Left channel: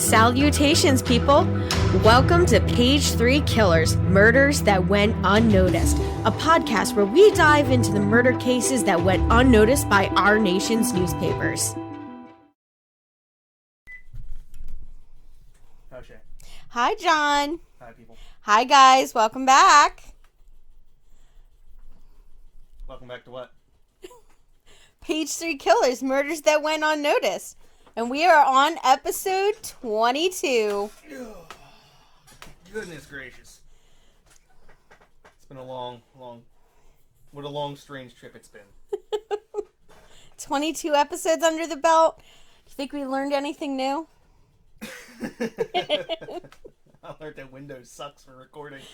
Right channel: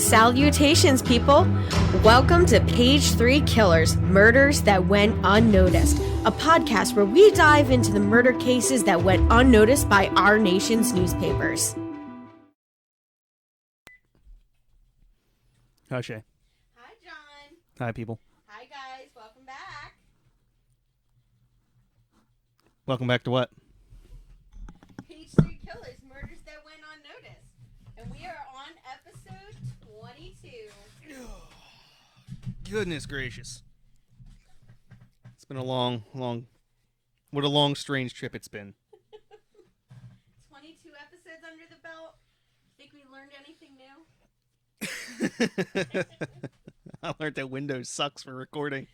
Salutations, people! Welcome to Page 3 Killers, Murders That Went Unnoticed, a podcast where we dive into the murder cases that went unnoticed by our nation's newspapers. Hi, Shay. Hi, John. Hi, people. Hi, guys. Welcome back. Welcome back to what? Page 3 Killers, Murders That Went Unnoticed. And we are on episode 22. Goodness gracious. It's been a long, what a long, strange trip it's been. 22 episodes under the belt. You think we learned anything new? I learned that Windows sucks for recording.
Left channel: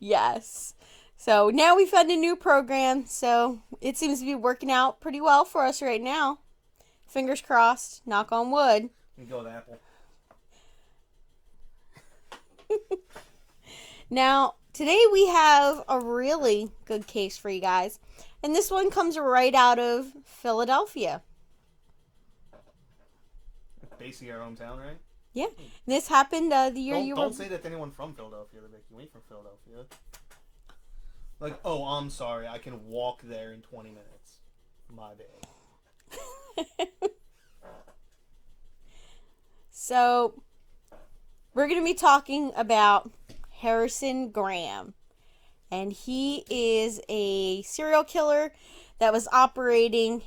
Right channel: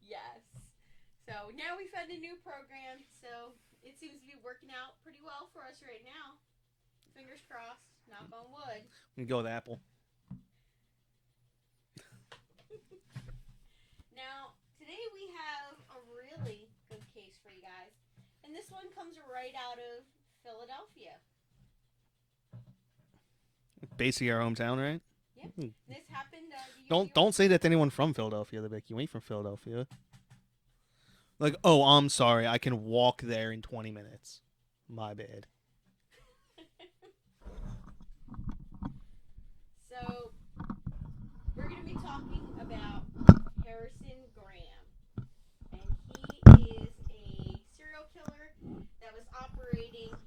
Yes. So now we found a new program, so it seems to be working out pretty well for us right now. Fingers crossed. Knock on wood. We go with Apple. Now, today we have a really good case for you guys. And this one comes right out of Philadelphia. Basically our hometown, right? Yeah. This happened the year you were... Don't say that to anyone from Philadelphia. They're like, you ain't from Philadelphia. Like, oh, I'm sorry. I can walk there in 20 minutes. My bad. So, we're going to be talking about Harrison Graham. And he is a serial killer that was operating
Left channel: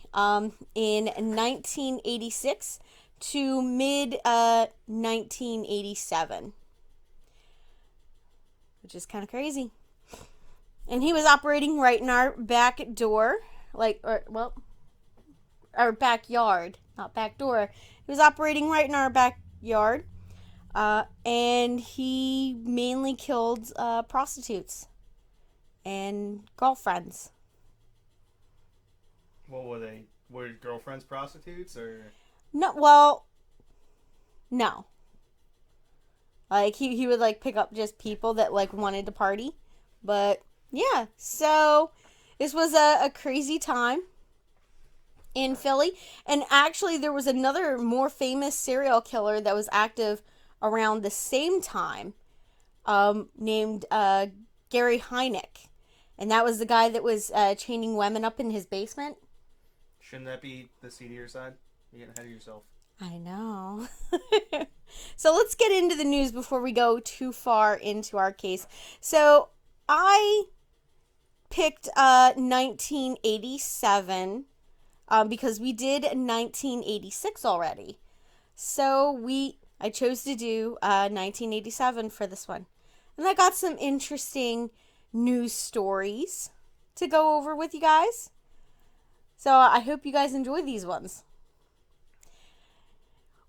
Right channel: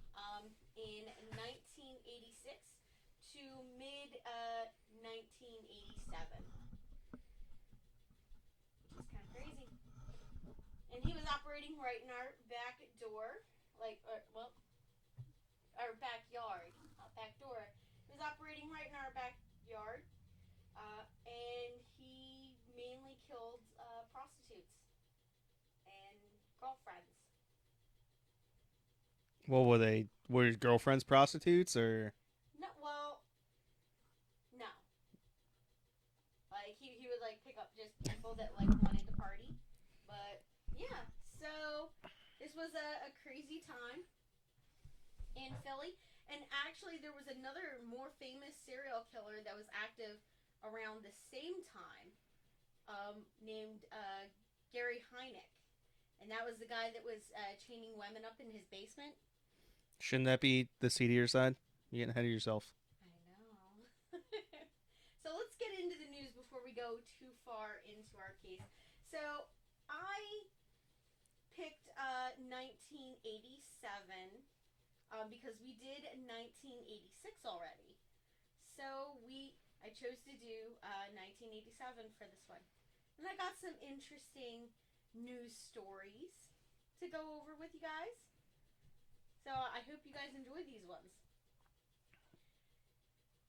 in 1986 to mid-1987. Which is kind of crazy. And he was operating right in our back door. Our backyard, not back door. He was operating right in our backyard, and he mainly killed prostitutes and girlfriends. What were they? Were his girlfriends prostitutes, or? No. Like, he would, like, pick up just people that, like, wanted to party. But, yeah. So, this was a crazy time in Philly. And actually, there was another more famous serial killer that was active around the same time, named Gary Hynek. And that was the guy that was chaining women up in his basement. Shouldn't that be the seedier side? You're getting ahead of yourself. I know. So let's get into the news before we go too far into our case. So I picked 1987 because we did 1986 already. So I chose to do 1987 for this one. And I got some interesting news stories to go over with you guys. So I hope you guys enjoy these ones.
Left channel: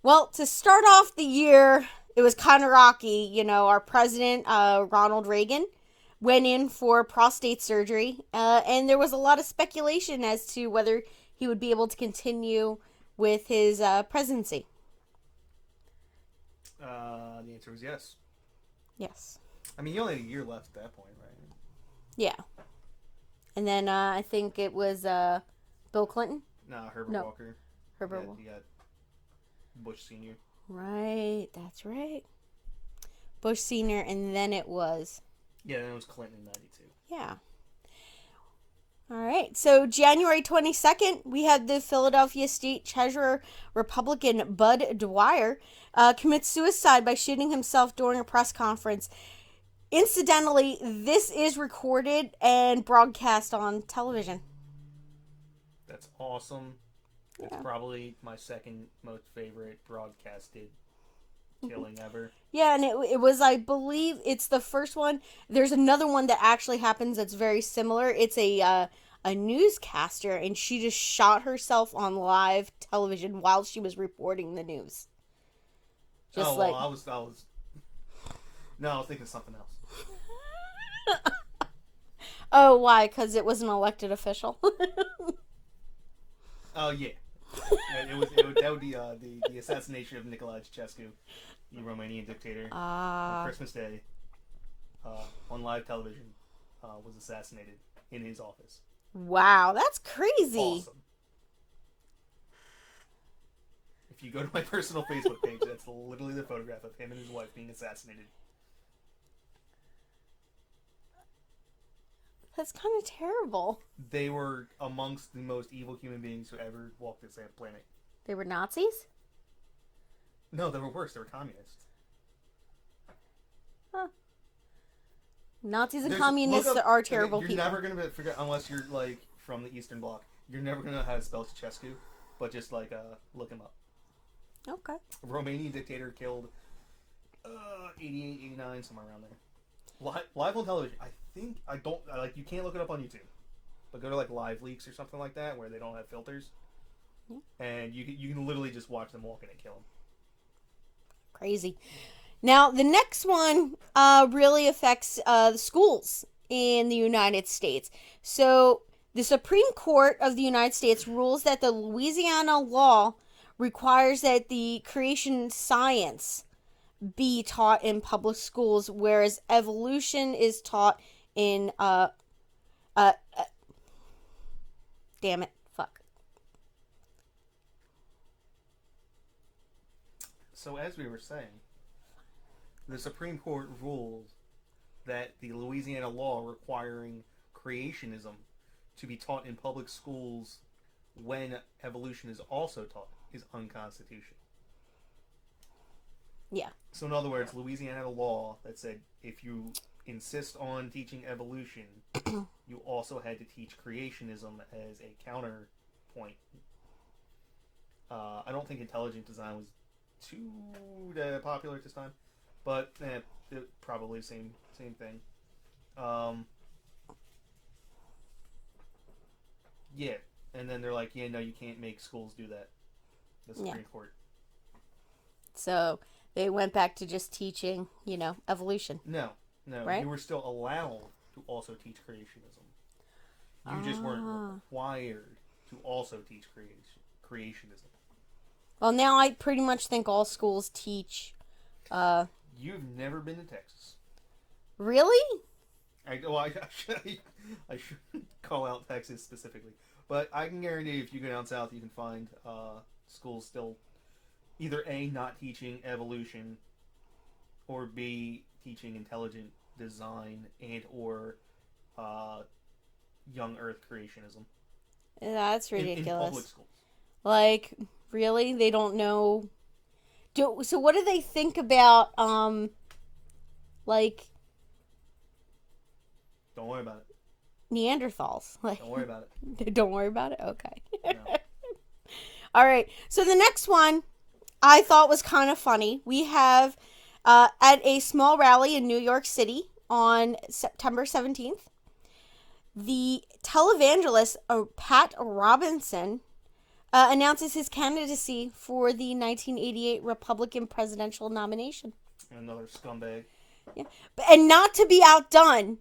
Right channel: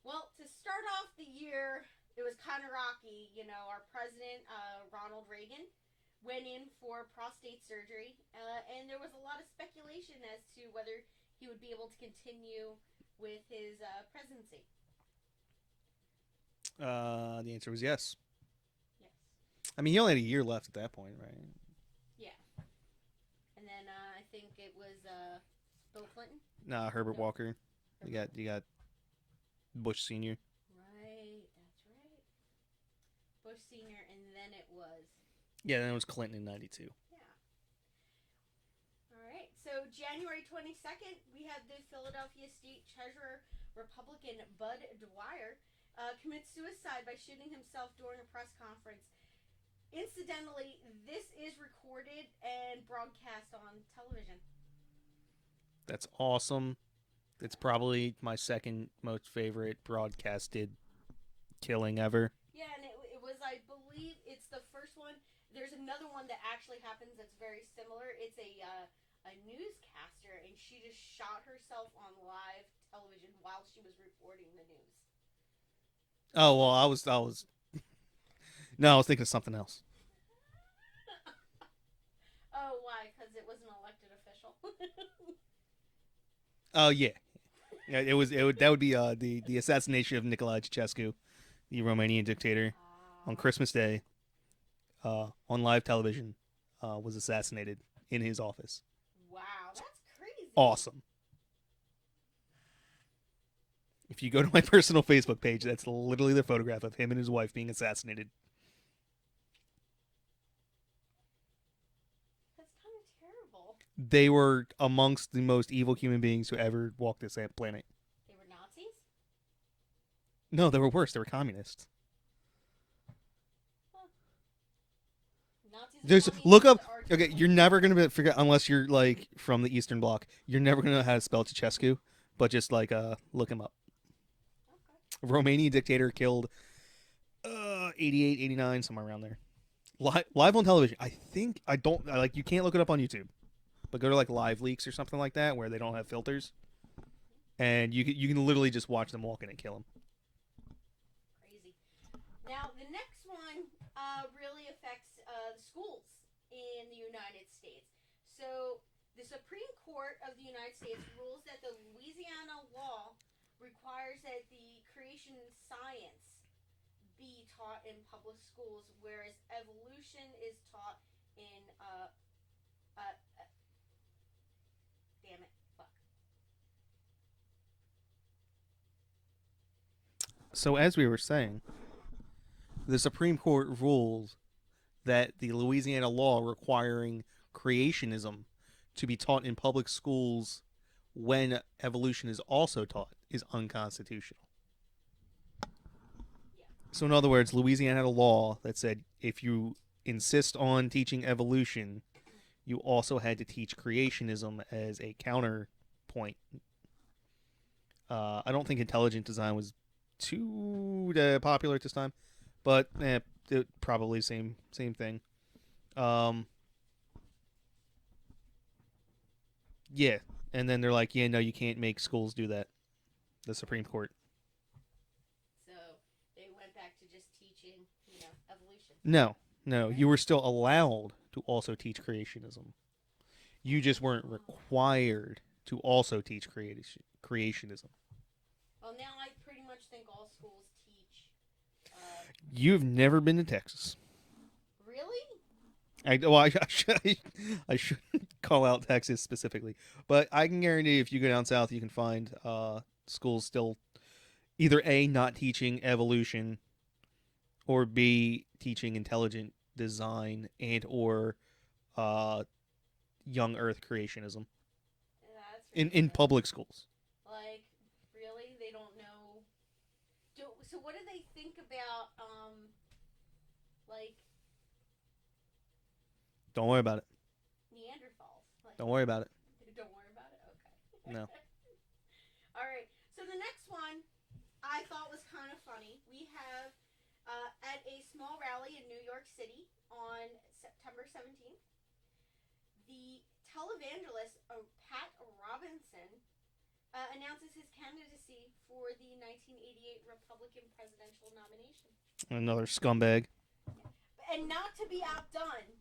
Well, to start off the year, it was kind of rocky. You know, our president, Ronald Reagan, went in for prostate surgery. And there was a lot of speculation as to whether he would be able to continue with his presidency. The answer was yes. Yes. I mean, you only had a year left at that point, right? Yeah. And then I think it was Bill Clinton. No, Herbert Walker. You got Bush Sr. Right, that's right. Bush Sr. and then it was... Yeah, then it was Clinton in 92. Yeah. All right, so January 22nd, we had the Philadelphia State Treasurer, Republican Bud Dwyer, commit suicide by shooting himself during a press conference. Incidentally, this is recorded and broadcast on television. That's awesome. It's probably my second most favorite broadcasted killing ever. Yeah, and it was, I believe, it's the first one. There's another one that actually happens that's very similar. It's a newscaster, and she just shot herself on live television while she was reporting the news. I was No, I was thinking of something else. Oh, why? Because it was an elected official? Oh, yeah. That would be the assassination of Nicolae Ceausescu, the Romanian dictator, on Christmas Day, on live television, was assassinated in his office. Wow, that's crazy. Awesome. If you go to my personal Facebook page, that's literally the photograph of him and his wife being assassinated. That's kind of terrible. They were amongst the most evil human beings who ever walked this planet. They were Nazis? No, they were worse. They were communists. Huh. Nazis and There's- communists look up, are terrible. you're people. never going to forget, unless you're like from the Eastern Bloc, you're never going to know how to spell Ceausescu, but just like look him up. Okay. Romanian dictator killed 88, 89, somewhere around there. Live on television. You can't look it up on YouTube, but go to like Live Leaks or something like that where they don't have filters, and you can literally just watch them walk in and kill them. Crazy. Now, the next one really affects the schools in the United States. So, the Supreme Court of the United States rules that the Louisiana law requires that the creation science be taught in public schools, whereas evolution is taught in damn it, fuck. So as we were saying, the Supreme Court rules that the Louisiana law requiring creationism to be taught in public schools when evolution is also taught is unconstitutional. Yeah. So in other words, Louisiana had a law that said if you insist on teaching evolution, you also had to teach creationism as a counterpoint. I don't think intelligent design was too popular at this time, but it probably same thing. Yeah, and then they're like, yeah, no, you can't make schools do that. The Supreme Court. So they went back to just teaching, evolution. No, right? You were still allowed to also teach creationism. You just weren't required to also teach creationism. Well, now I pretty much think all schools teach. You've never been to Texas. Really? I shouldn't call out Texas specifically, but I can guarantee if you go down south, you can find schools still either A, not teaching evolution, or B, teaching intelligent design and or young Earth creationism. That's ridiculous. In public schools. Like, really? They don't know. So what do they think about like Don't worry about it. Neanderthals? Like, Don't worry about it. Don't worry about it? Okay. No. All right. So the next one I thought was kind of funny. We have at a small rally in New York City on September 17th, the televangelist Pat Robinson announces his candidacy for the 1988 Republican presidential nomination. Another scumbag. Yeah. And not to be outdone,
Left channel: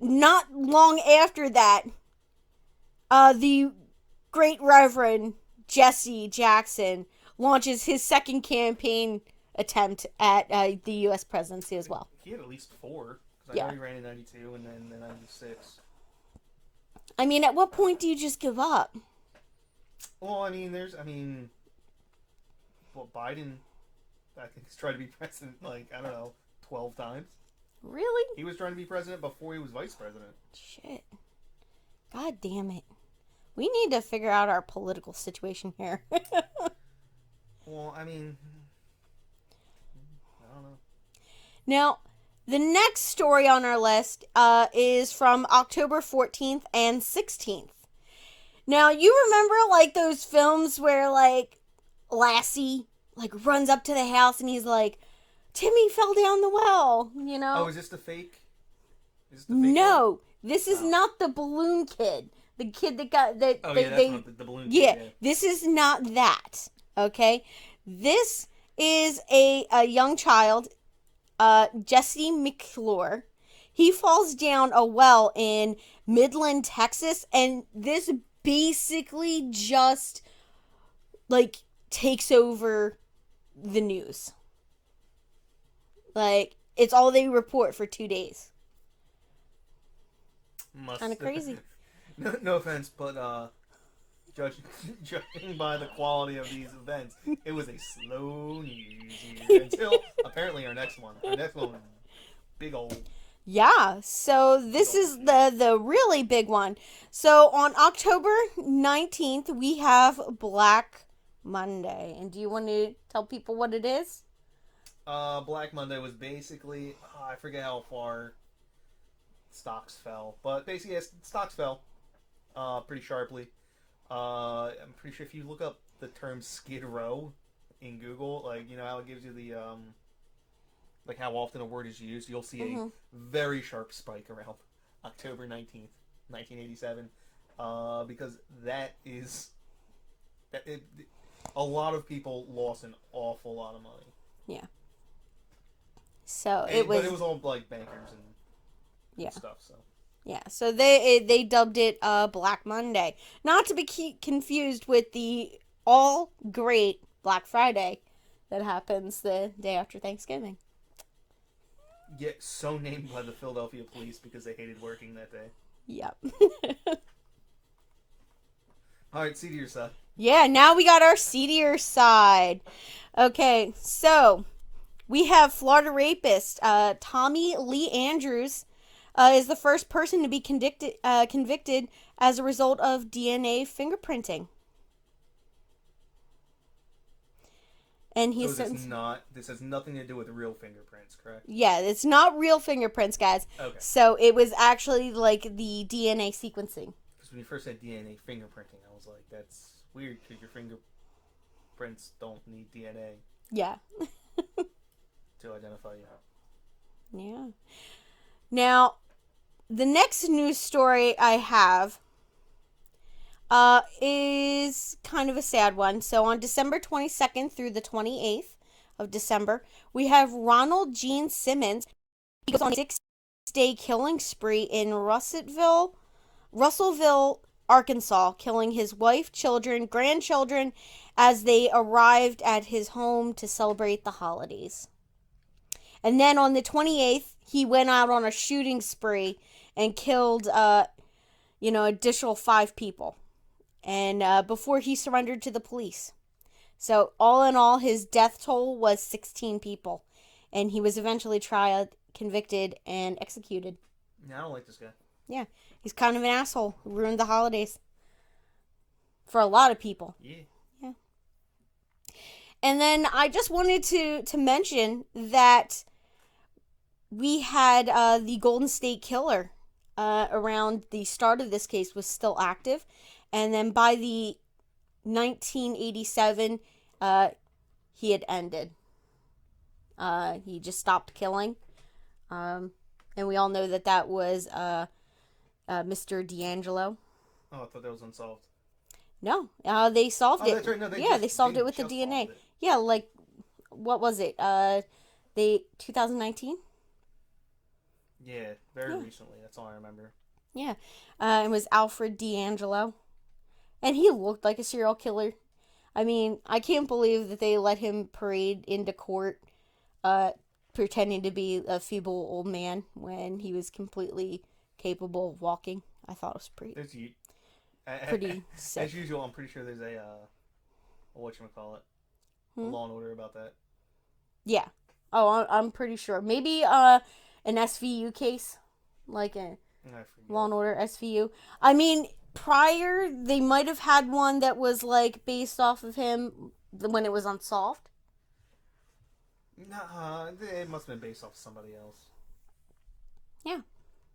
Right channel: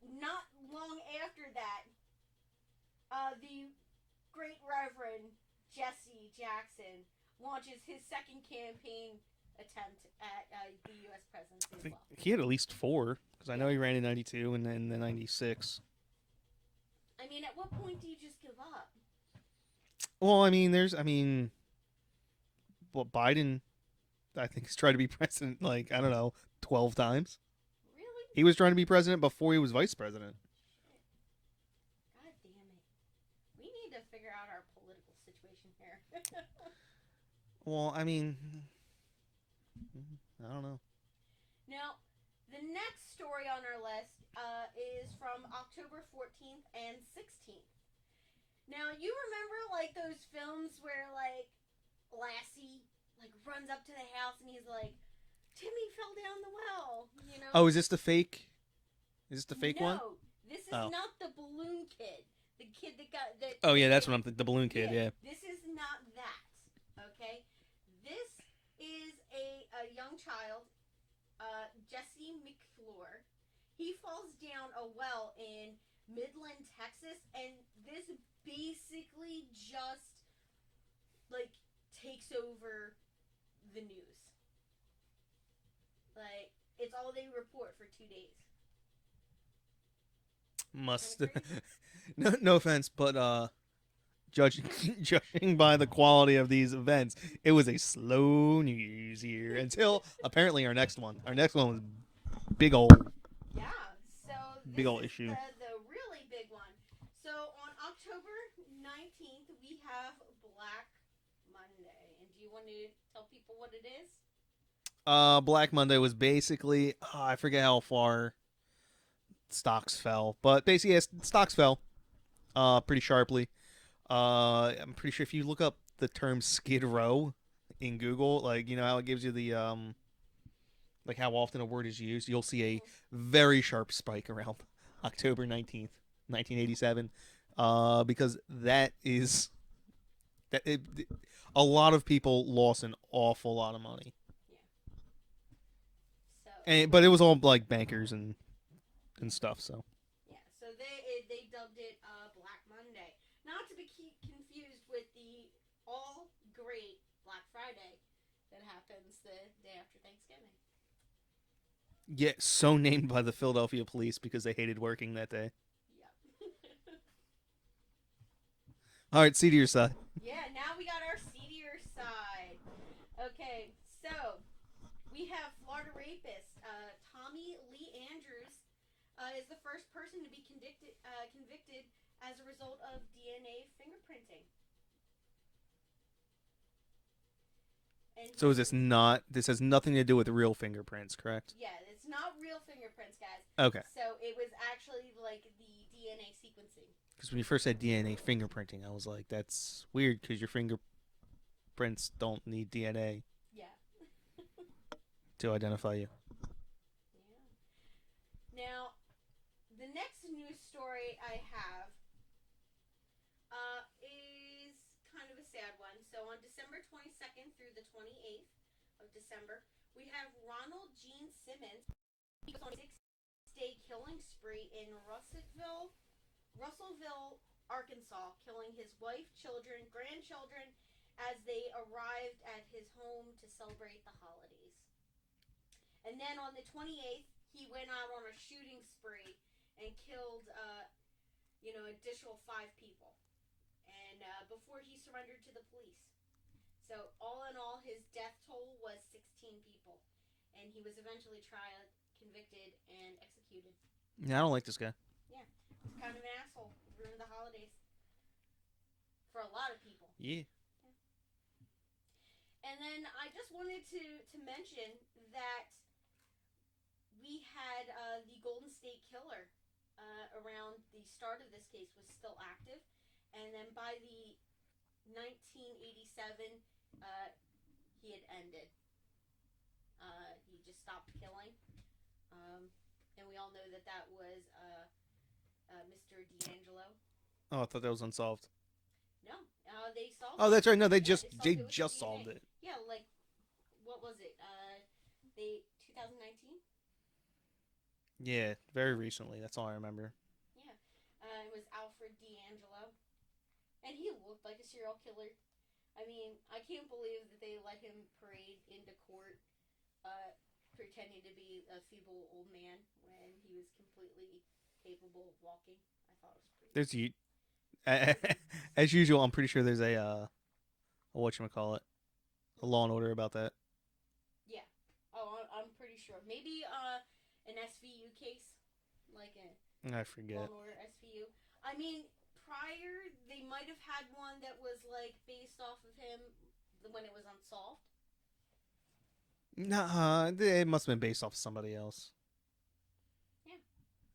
not long after that, the great Reverend Jesse Jackson launches his second campaign attempt at the U.S. presidency as well. He had at least 4, because I know he ran in 92 and then in 96. I mean, at what point do you just give up? Well, Biden, I think, has tried to be president, 12 times. Really? He was trying to be president before he was vice president. Shit. God damn it. We need to figure out our political situation here. Well, I don't know. Now, the next story on our list is from October 14th and 16th. Now, you remember, those films where, Lassie, runs up to the house and he's like, Timmy fell down the well, Oh, is this the fake? Is this the fake No, one? this is not the balloon kid. The kid that got... that. Oh, yeah, that's what the balloon kid, yeah. This is not that, okay? This is a young child, Jesse McClure. He falls down a well in Midland, Texas, and this basically just, takes over the news. It's all they report for 2 days. Kind of crazy. No offense, but judging by the quality of these events, it was a slow news year until apparently our next one. Our next one was big old. Yeah, so this is issue. the really big one. So on October 19th, we have Black Monday. And do you want to tell people what it is? Black Monday was basically I forget how far stocks fell, but basically yes, stocks fell pretty sharply. I'm pretty sure if you look up the term Skid Row in Google, like you know how it gives you the like how often a word is used, you'll see a very sharp spike around October 19th, 1987, because that is a lot of people lost an awful lot of money. Yeah. So but it was all like bankers and stuff. So yeah, so they dubbed it Black Monday, not to be confused with the all great Black Friday that happens the day after Thanksgiving. Yeah, so named by the Philadelphia police because they hated working that day. Yep. All right, seedier side. Yeah, now we got our seedier side. Okay, so we have Florida rapist Tommy Lee Andrews is the first person to be convicted as a result of DNA fingerprinting. And so is this has nothing to do with real fingerprints, correct? Yeah, it's not real fingerprints, guys. Okay. So it was actually like the DNA sequencing. Because when you first said DNA fingerprinting, I was like, that's weird because your fingerprints don't need DNA. Yeah. to identify you. Yeah. Now, the next news story I have is kind of a sad one. So on December 22nd through the 28th of December, we have Ronald Gene Simmons. He goes on a 6-day killing spree in Russellville, Arkansas, killing his wife, children, grandchildren as they arrived at his home to celebrate the holidays. And then on the 28th, he went out on a shooting spree and killed, additional 5 people. And before he surrendered to the police. So all in all, his death toll was 16 people. And he was eventually tried, convicted, and executed. Yeah, I don't like this guy. Yeah, he's kind of an asshole who ruined the holidays. For a lot of people. Yeah. Yeah. And then I just wanted to mention that we had the Golden State Killer around the start of this case was still active. And then by the 1987, he had ended. He just stopped killing. And we all know that was Mr. D'Angelo. Oh, I thought that was unsolved. No, they solved it. Oh, that's right. No, they solved it with the DNA. Yeah, like, what was it? 2019? Yeah, very recently. That's all I remember. Yeah. It was Alfred D'Angelo. And he looked like a serial killer. I mean, I can't believe that they let him parade into court pretending to be a feeble old man when he was completely capable of walking. I thought it was pretty sick. As usual, I'm pretty sure there's a whatchamacallit, a Law and Order about that. Yeah. Oh, I'm pretty sure. Maybe an SVU case, like a Law and Order SVU. I mean, prior they might have had one that was like based off of him when it was unsolved. Nah, it must have been based off somebody else. Yeah.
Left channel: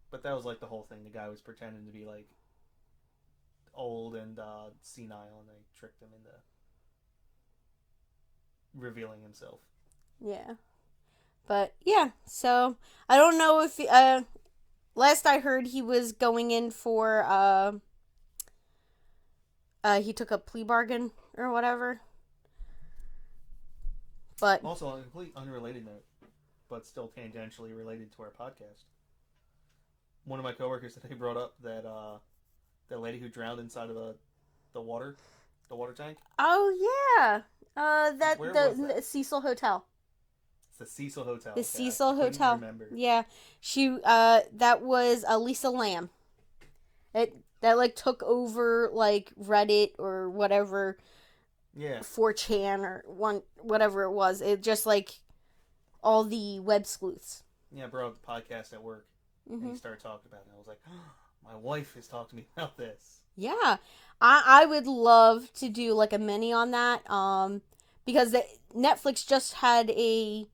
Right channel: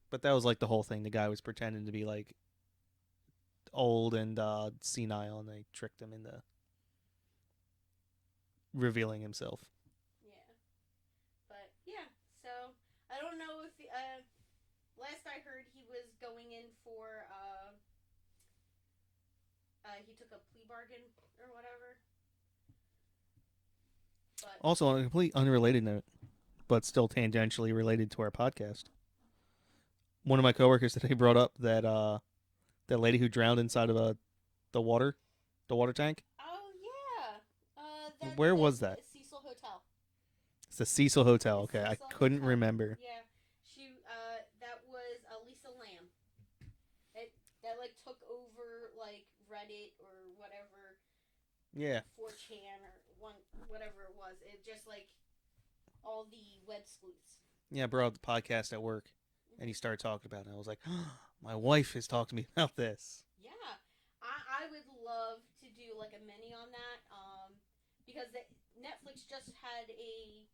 But that was like the whole thing. The guy was pretending to be like old and senile, and they tricked him into revealing himself. Yeah. But yeah, so I don't know if last I heard he was going in for he took a plea bargain or whatever. But also on a complete unrelated note, but still tangentially related to our podcast. One of my coworkers today brought up that that lady who drowned inside of the water tank. Oh yeah, Where was that? The Cecil Hotel. It's the Cecil Hotel. The okay, Cecil I couldn't Hotel. remember. Yeah, she that was Lisa Lamb. that like took over like Reddit or whatever, Yeah. 4chan or whatever it was. It just like all the web sleuths. Yeah, I brought up the podcast at work, and he Mm-hmm. started talking about it. I was like, oh, my wife has talked to me about this. Yeah, I would love to do like a mini on that. Because Netflix just had a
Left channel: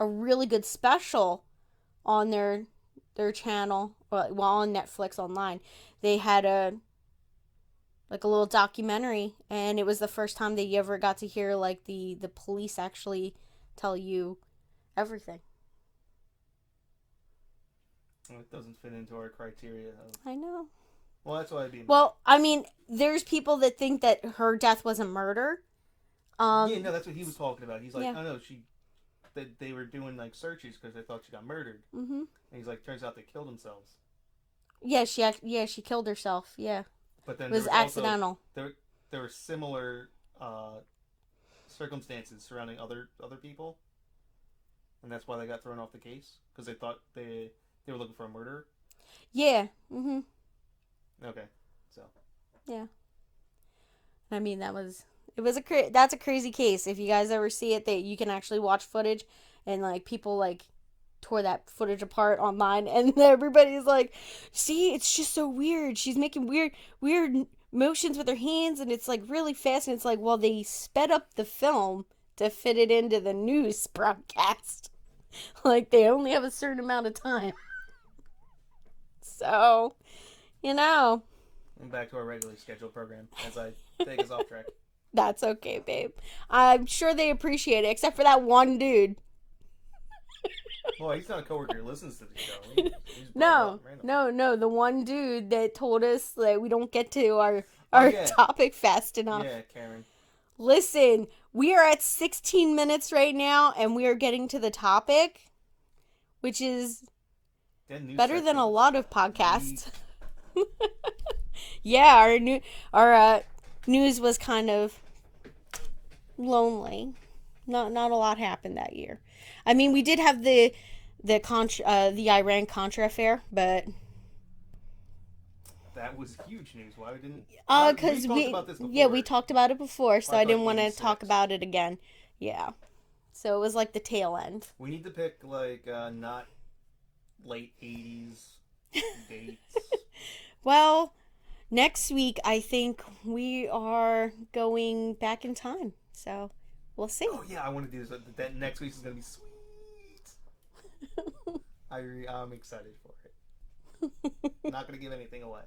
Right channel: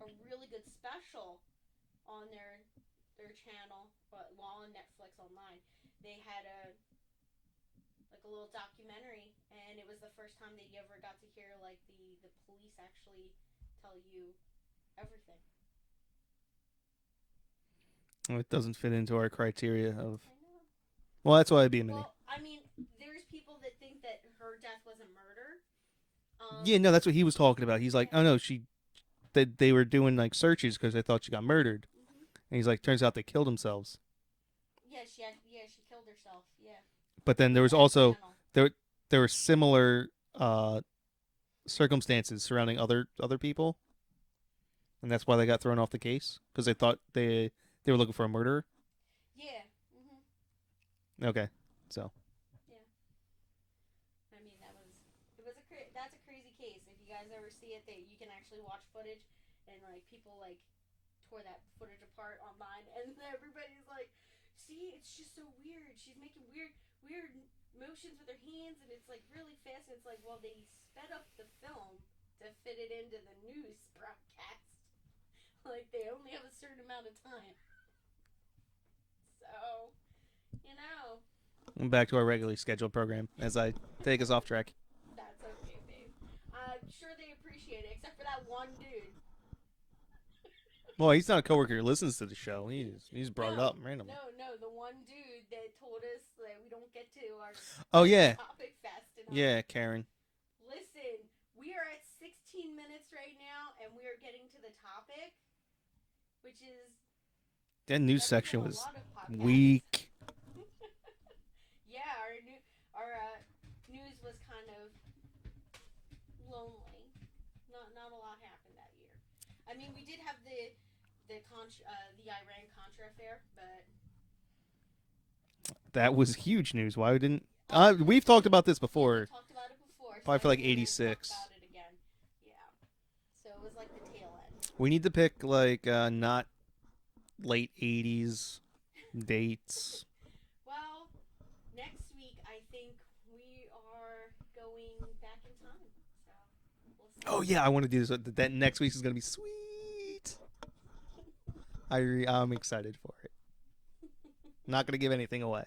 really good special on their channel, well on Netflix online. They had a little documentary, and it was the first time that you ever got to hear like the police actually tell you everything. It doesn't fit into our criteria of. I know. Well, that's why I'd be. Well, I mean, there's people that think that her death was a murder. Yeah, no, that's what he was talking about. He's like, yeah. oh no, they were doing like searches because they thought she got murdered. Mm-hmm. And he's like, turns out they killed themselves. Yeah, she killed herself. Yeah. But then there was also there were similar circumstances surrounding other people, and that's why they got thrown off the case because they thought they were looking for a murderer. Yeah. Mm-hmm. Okay, so. Yeah. I mean, that's a crazy case. If you guys ever see it, that you can actually watch footage, and like people like tore that footage apart online, and everybody's like, "See, it's just so weird. She's making weird motions with her hands, and it's like really fast." And it's like, well, they sped up the film to fit it into the news broadcast. Like they only have a certain amount of time, so you know. Back to our regularly scheduled program as I take us off track. That's okay, babe. I'm sure they appreciate it, except for that one dude. Well, he's not a coworker who listens to the show. He's brought up randomly. No. The one dude that told us that we don't get to our yeah. topic fast enough. Yeah, Karen. Listen, we are at 16 minutes right now, and we are getting to the topic, which is better than a lot of podcasts. Yeah, our news was kind of lonely. Not a lot happened that year. I mean, we did have the Iran Contra affair, but that was huge news. Why we didn't? We've talked about this before. Yeah, we talked about it before, so I didn't want to 86. talk about it again. Yeah, so it was like the tail end. We need to pick like not late 80s dates. Well, next week I think we are going back in time, so we'll see. Oh yeah, I want to do this. That next week is gonna be sweet. I'm excited for it. Not gonna give anything away.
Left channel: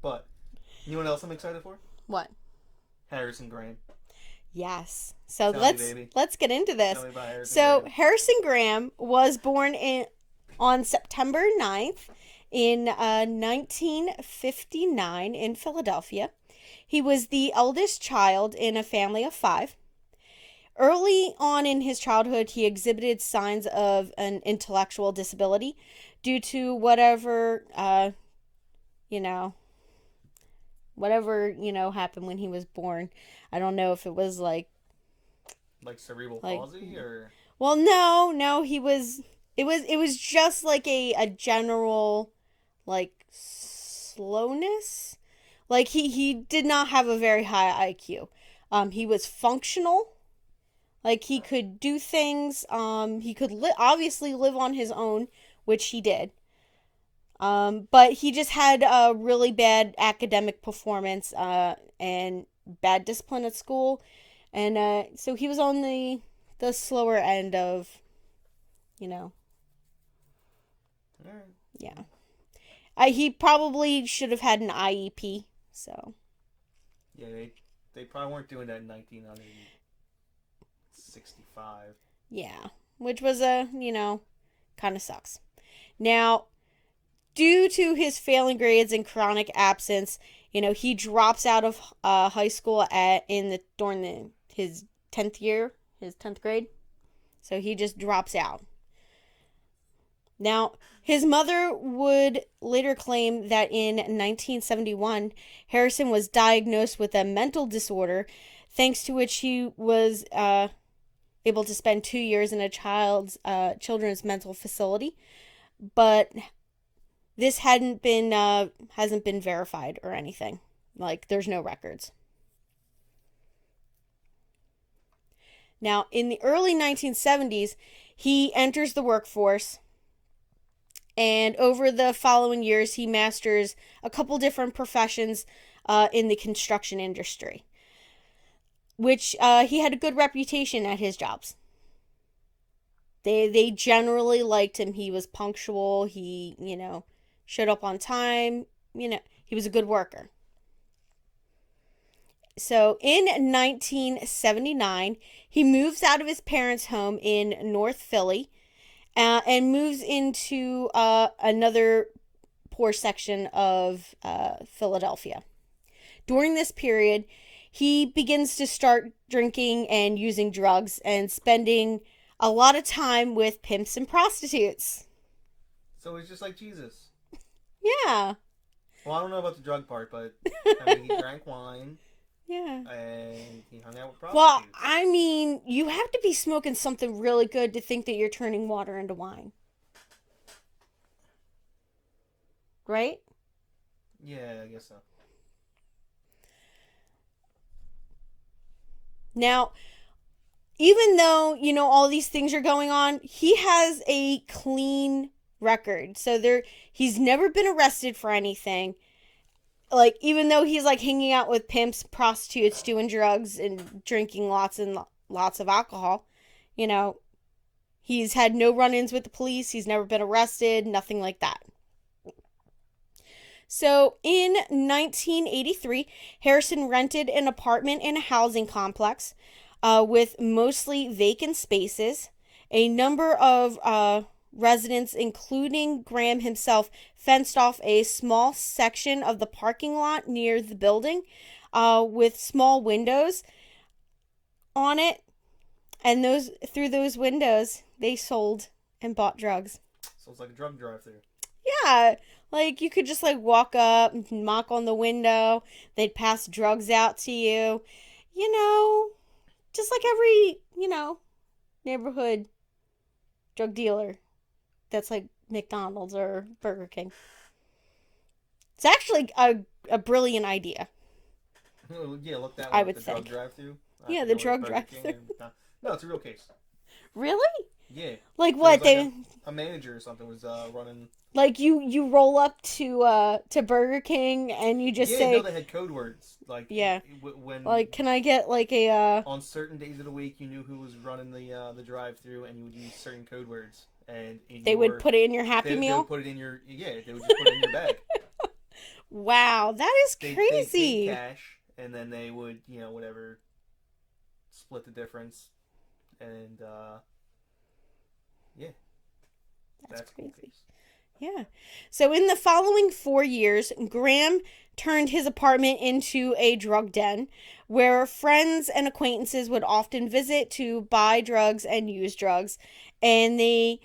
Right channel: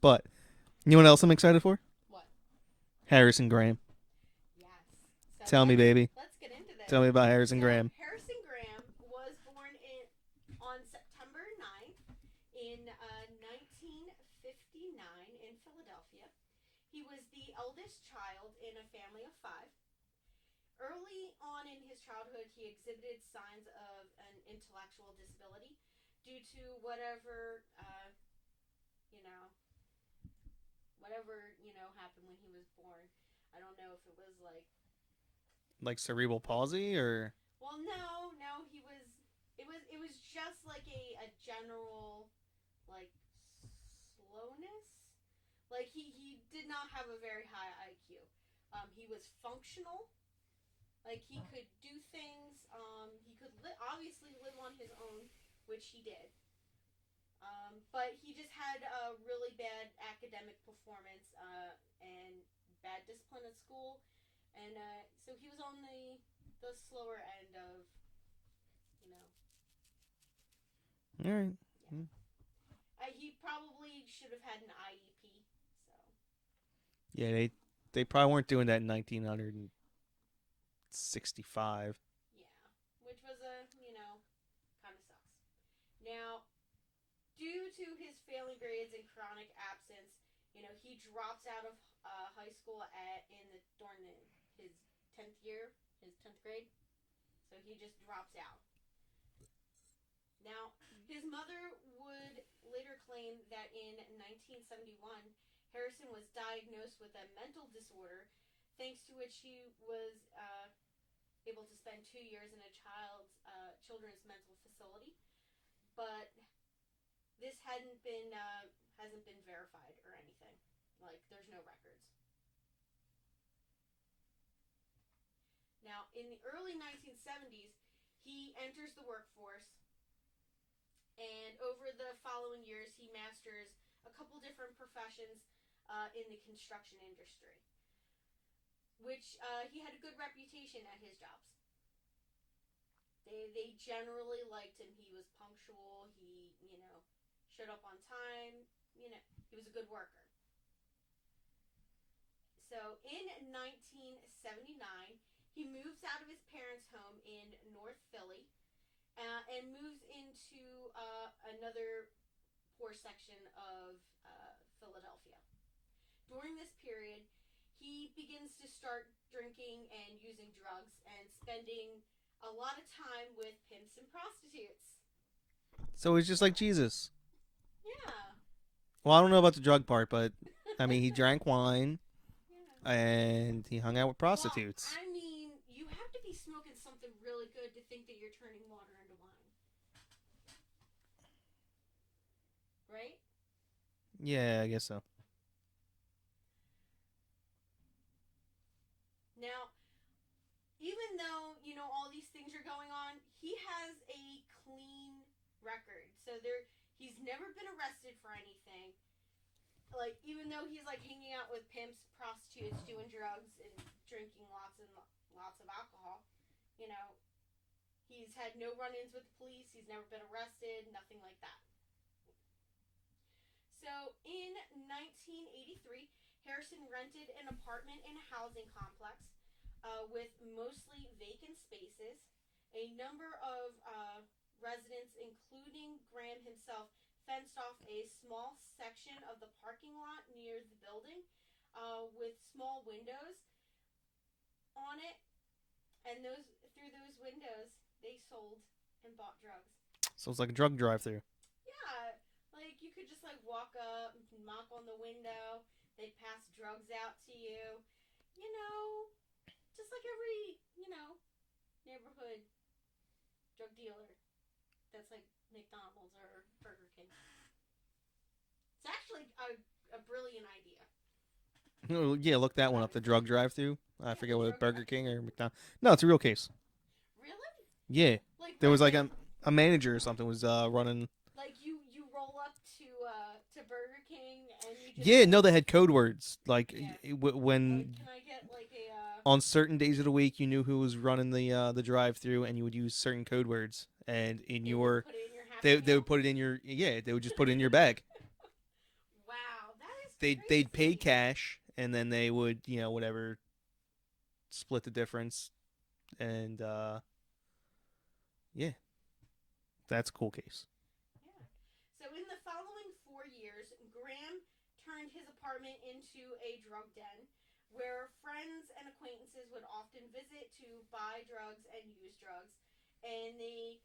But you know what else I'm excited for? What? Harrison Graham. Yes. So Tell me, baby. Let's get into this. Tell me about Harrison Graham. So Harrison Graham was born on September 9th in 1959 in Philadelphia. He was the eldest child in a family of 5. Early on in his childhood, he exhibited signs of an intellectual disability due to whatever happened when he was born. I don't know if it was like cerebral palsy or. Well, no, it was just like a general like slowness. Like he did not have a very high IQ. He was functional. Like he could do things. He could obviously live on his own, which he did. But he just had a really bad academic performance and bad discipline at school, and so he was on the slower end of, All right. Yeah. He probably should have had an IEP. So. Yeah, they probably weren't doing that in 1965. Yeah, which was kind of sucks. Now, due to his failing grades and chronic absence, he drops out of high school during his 10th grade. So he just drops out. Now, his mother would later claim that in 1971, Harrison was diagnosed with a mental disorder, thanks to which he was able to spend 2 years in a children's mental facility. But this hasn't been verified or anything. Like, there's no records. Now, in the early 1970s, he enters the workforce, and over the following years, he masters a couple different professions in the construction industry, which he had a good reputation at his jobs. They generally liked him. He was punctual. He, showed up on time. He was a good worker. So in 1979, he moves out of his parents' home in North Philly and moves into another poor section of Philadelphia. During this period, he begins to start drinking and using drugs and spending a lot of time with pimps and prostitutes. So he's just like Jesus. Yeah. Well, I don't know about the drug part, but I mean, he drank wine. Yeah. And he hung out with prostitutes. Well, I mean, you have to be smoking something really good to think that you're turning water into wine. Right? Yeah, I guess so. Now, even though, all these things are going on, he has a clean record. So he's never been arrested for anything. Like, even though he's like hanging out with pimps, prostitutes, doing drugs, and drinking lots and lots of alcohol, he's had no run-ins with the police. He's never been arrested, nothing like that. So in 1983, Harrison rented an apartment in a housing complex with mostly vacant spaces. A number of residents, including Graham himself, fenced off a small section of the parking lot near the building with small windows on it. And through those windows, they sold and bought drugs. So it's like a drug drive-through. Yeah. Like, you could just, walk up and knock on the window. They'd pass drugs out to you. Just like every, neighborhood drug dealer that's like McDonald's or Burger King. It's actually a brilliant idea. Yeah, look that one up, the drug drive-through. Yeah, the drug drive-through. No, it's a real case. Really? Yeah. Like what? A manager or something was running. Like you roll up to Burger King and you just say, no, they had code words. Like, yeah. When can I get like a on certain days of the week, you knew who was running the drive-through, and you would use certain code words, and they would put it in your Happy Meal. They would put it in your They would just put it in your bag. Wow, that is crazy. They'd pay cash, and then they would whatever split the difference, and yeah, that's a cool case. Yeah. So in the following 4 years, Graham turned his apartment into a drug den where friends and acquaintances would often visit to buy drugs and use drugs. And they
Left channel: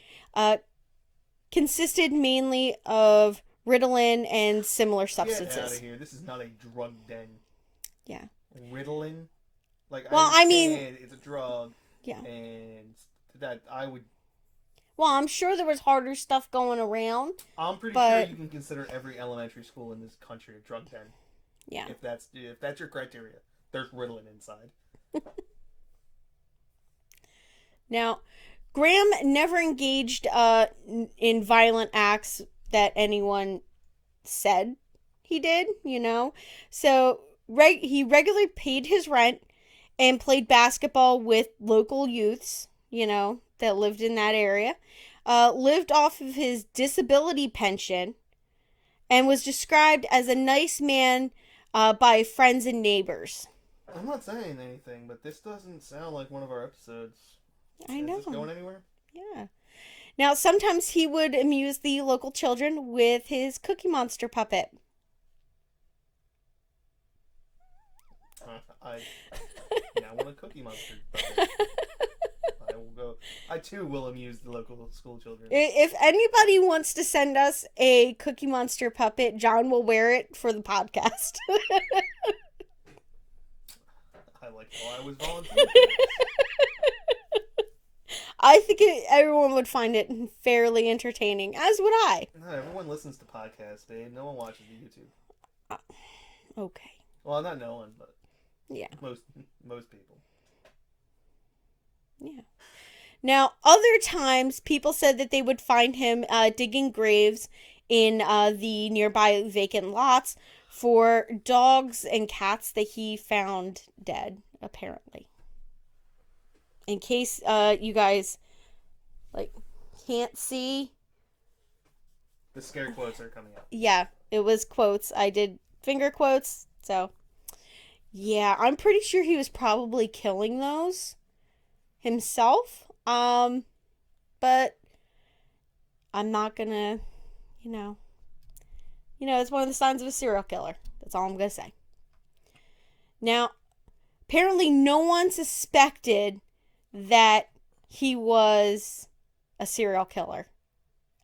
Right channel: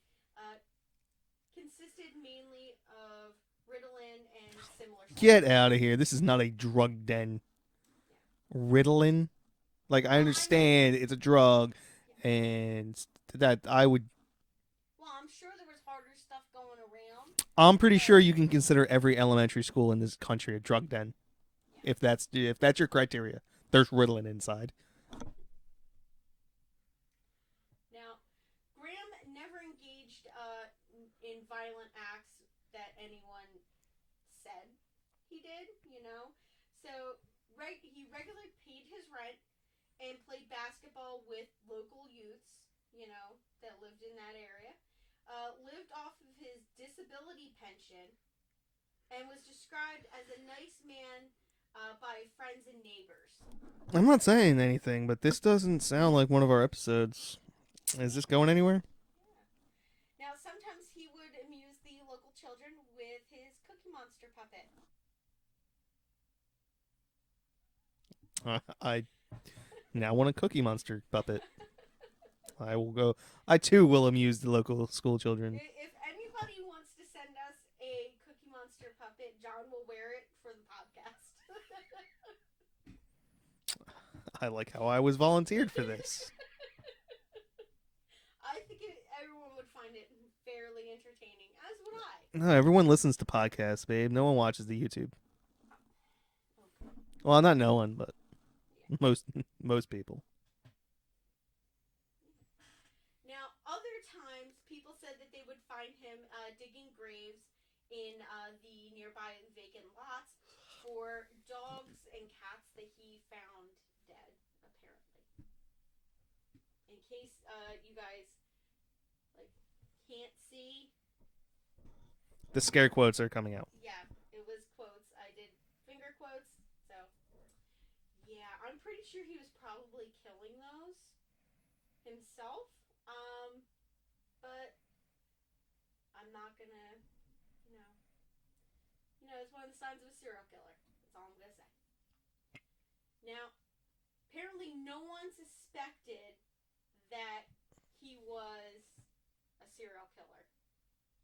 consisted mainly of Ritalin and similar substances. Get out of here. This is not a drug den. Yeah. Ritalin? Like, I understand it's a drug. Yeah. And that I would... Well, I'm sure there was harder stuff going around. I'm pretty sure you can consider every elementary school in this country a drug den. Yeah. If that's your criteria. There's Ritalin inside. Now, Graham never engaged in violent acts that anyone said he did, So he regularly paid his rent and played basketball with local youths, that lived in that area. Lived off of his disability pension and was described as a nice man by friends and neighbors. I'm not saying anything, but this doesn't sound like one of our episodes. Is this going anywhere? Yeah. Now, sometimes he would amuse the local children with his Cookie Monster puppet. I now want a Cookie Monster puppet. I too will amuse the local school children. If anybody wants to send us a Cookie Monster puppet, John will wear it for the podcast. I like how I was volunteered for this. I think everyone would find it fairly entertaining, as would I. No, everyone listens to podcasts, babe. No one watches the YouTube. Okay. Well, not no one, but Yeah. most people. Yeah. Now, other times, people said that they would find him digging graves in the nearby vacant lots for dogs and cats that he found dead, apparently. In case you guys can't see, The scare quotes are coming out. yeah, it was quotes. I did finger quotes, so yeah, I'm pretty sure he was probably killing those himself. But I'm not gonna, you know, it's one of the signs of a serial killer. That's all I'm gonna say. Now, apparently, no one suspected that he was a serial killer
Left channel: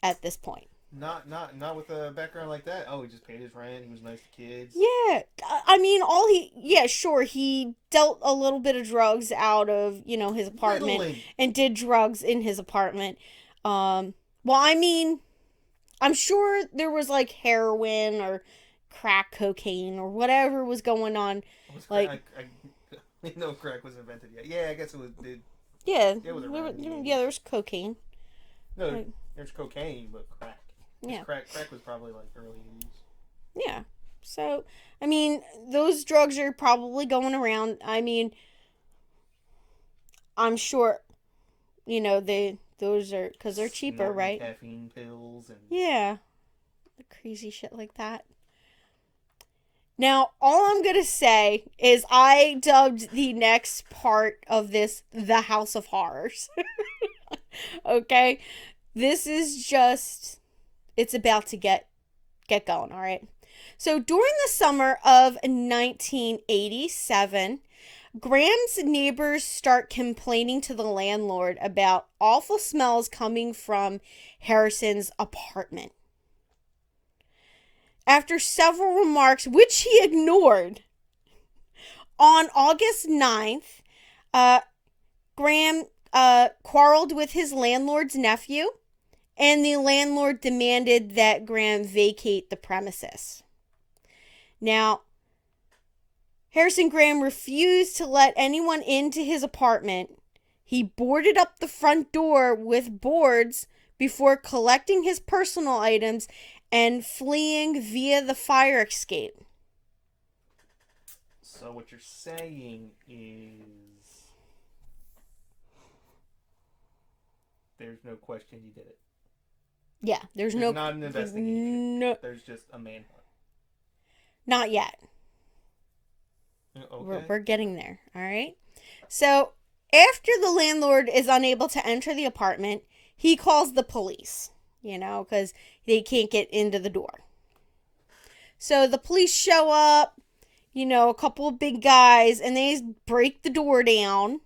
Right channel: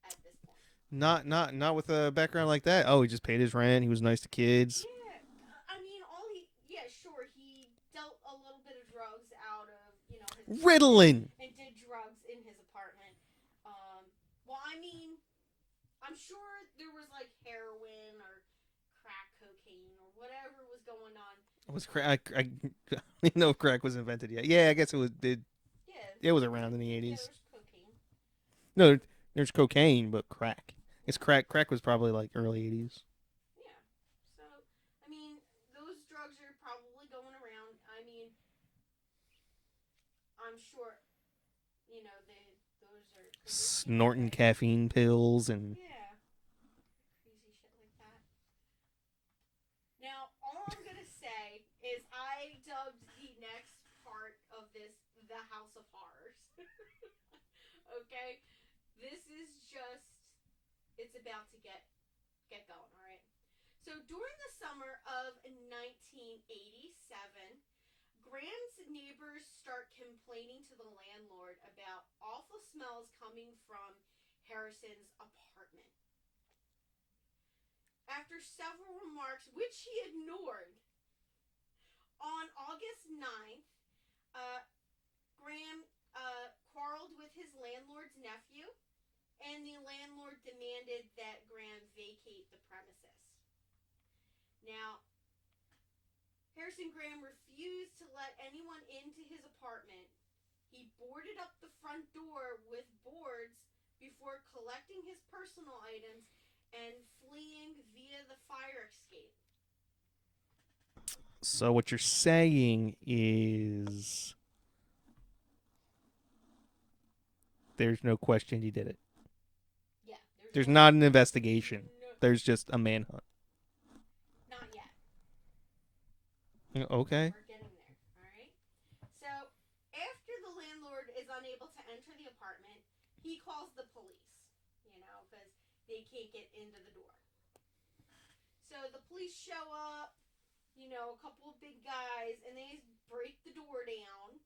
at this point. Not with a background like that. Oh, he just paid his rent. He was nice to kids. Yeah, I mean, sure, he dealt a little bit of drugs out of, his apartment. Ritalin. And did drugs in his apartment. Well, I mean, I'm sure there was, heroin or crack cocaine or whatever was going on. I didn't know crack was invented yet. Yeah, I guess it was. Yeah. It was around in the 80s. Yeah, there was cocaine. No, there's cocaine, but crack. Yeah. Crack was probably, early 80s. Yeah. So, I mean, those drugs are probably going around. I mean, I'm sure, those are, because they're cheaper, Snorting right? caffeine pills and... Yeah. Crazy shit like that. Now, all I'm going to say is I dubbed the next part of this The House of Horrors. Okay? This is just... It's about to get going, all right? So, during the summer of 1987, Graham's neighbors start complaining to the landlord about awful smells coming from Harrison's apartment. After several remarks, which he ignored, on August 9th, Graham quarreled with his landlord's nephew, and the landlord demanded that Graham vacate the premises. Now, Harrison Graham refused to let anyone into his apartment. He boarded up the front door with boards before collecting his personal items and fleeing via the fire escape. So what you're saying is there's no question he did it. Yeah, there's not an investigation. No, there's just a manhunt. Not yet. Okay. We're getting there, all right? So, after the landlord is unable to enter the apartment, he calls the police, because they can't get into the door. So, the police show up, a couple of big guys, and they break the door down.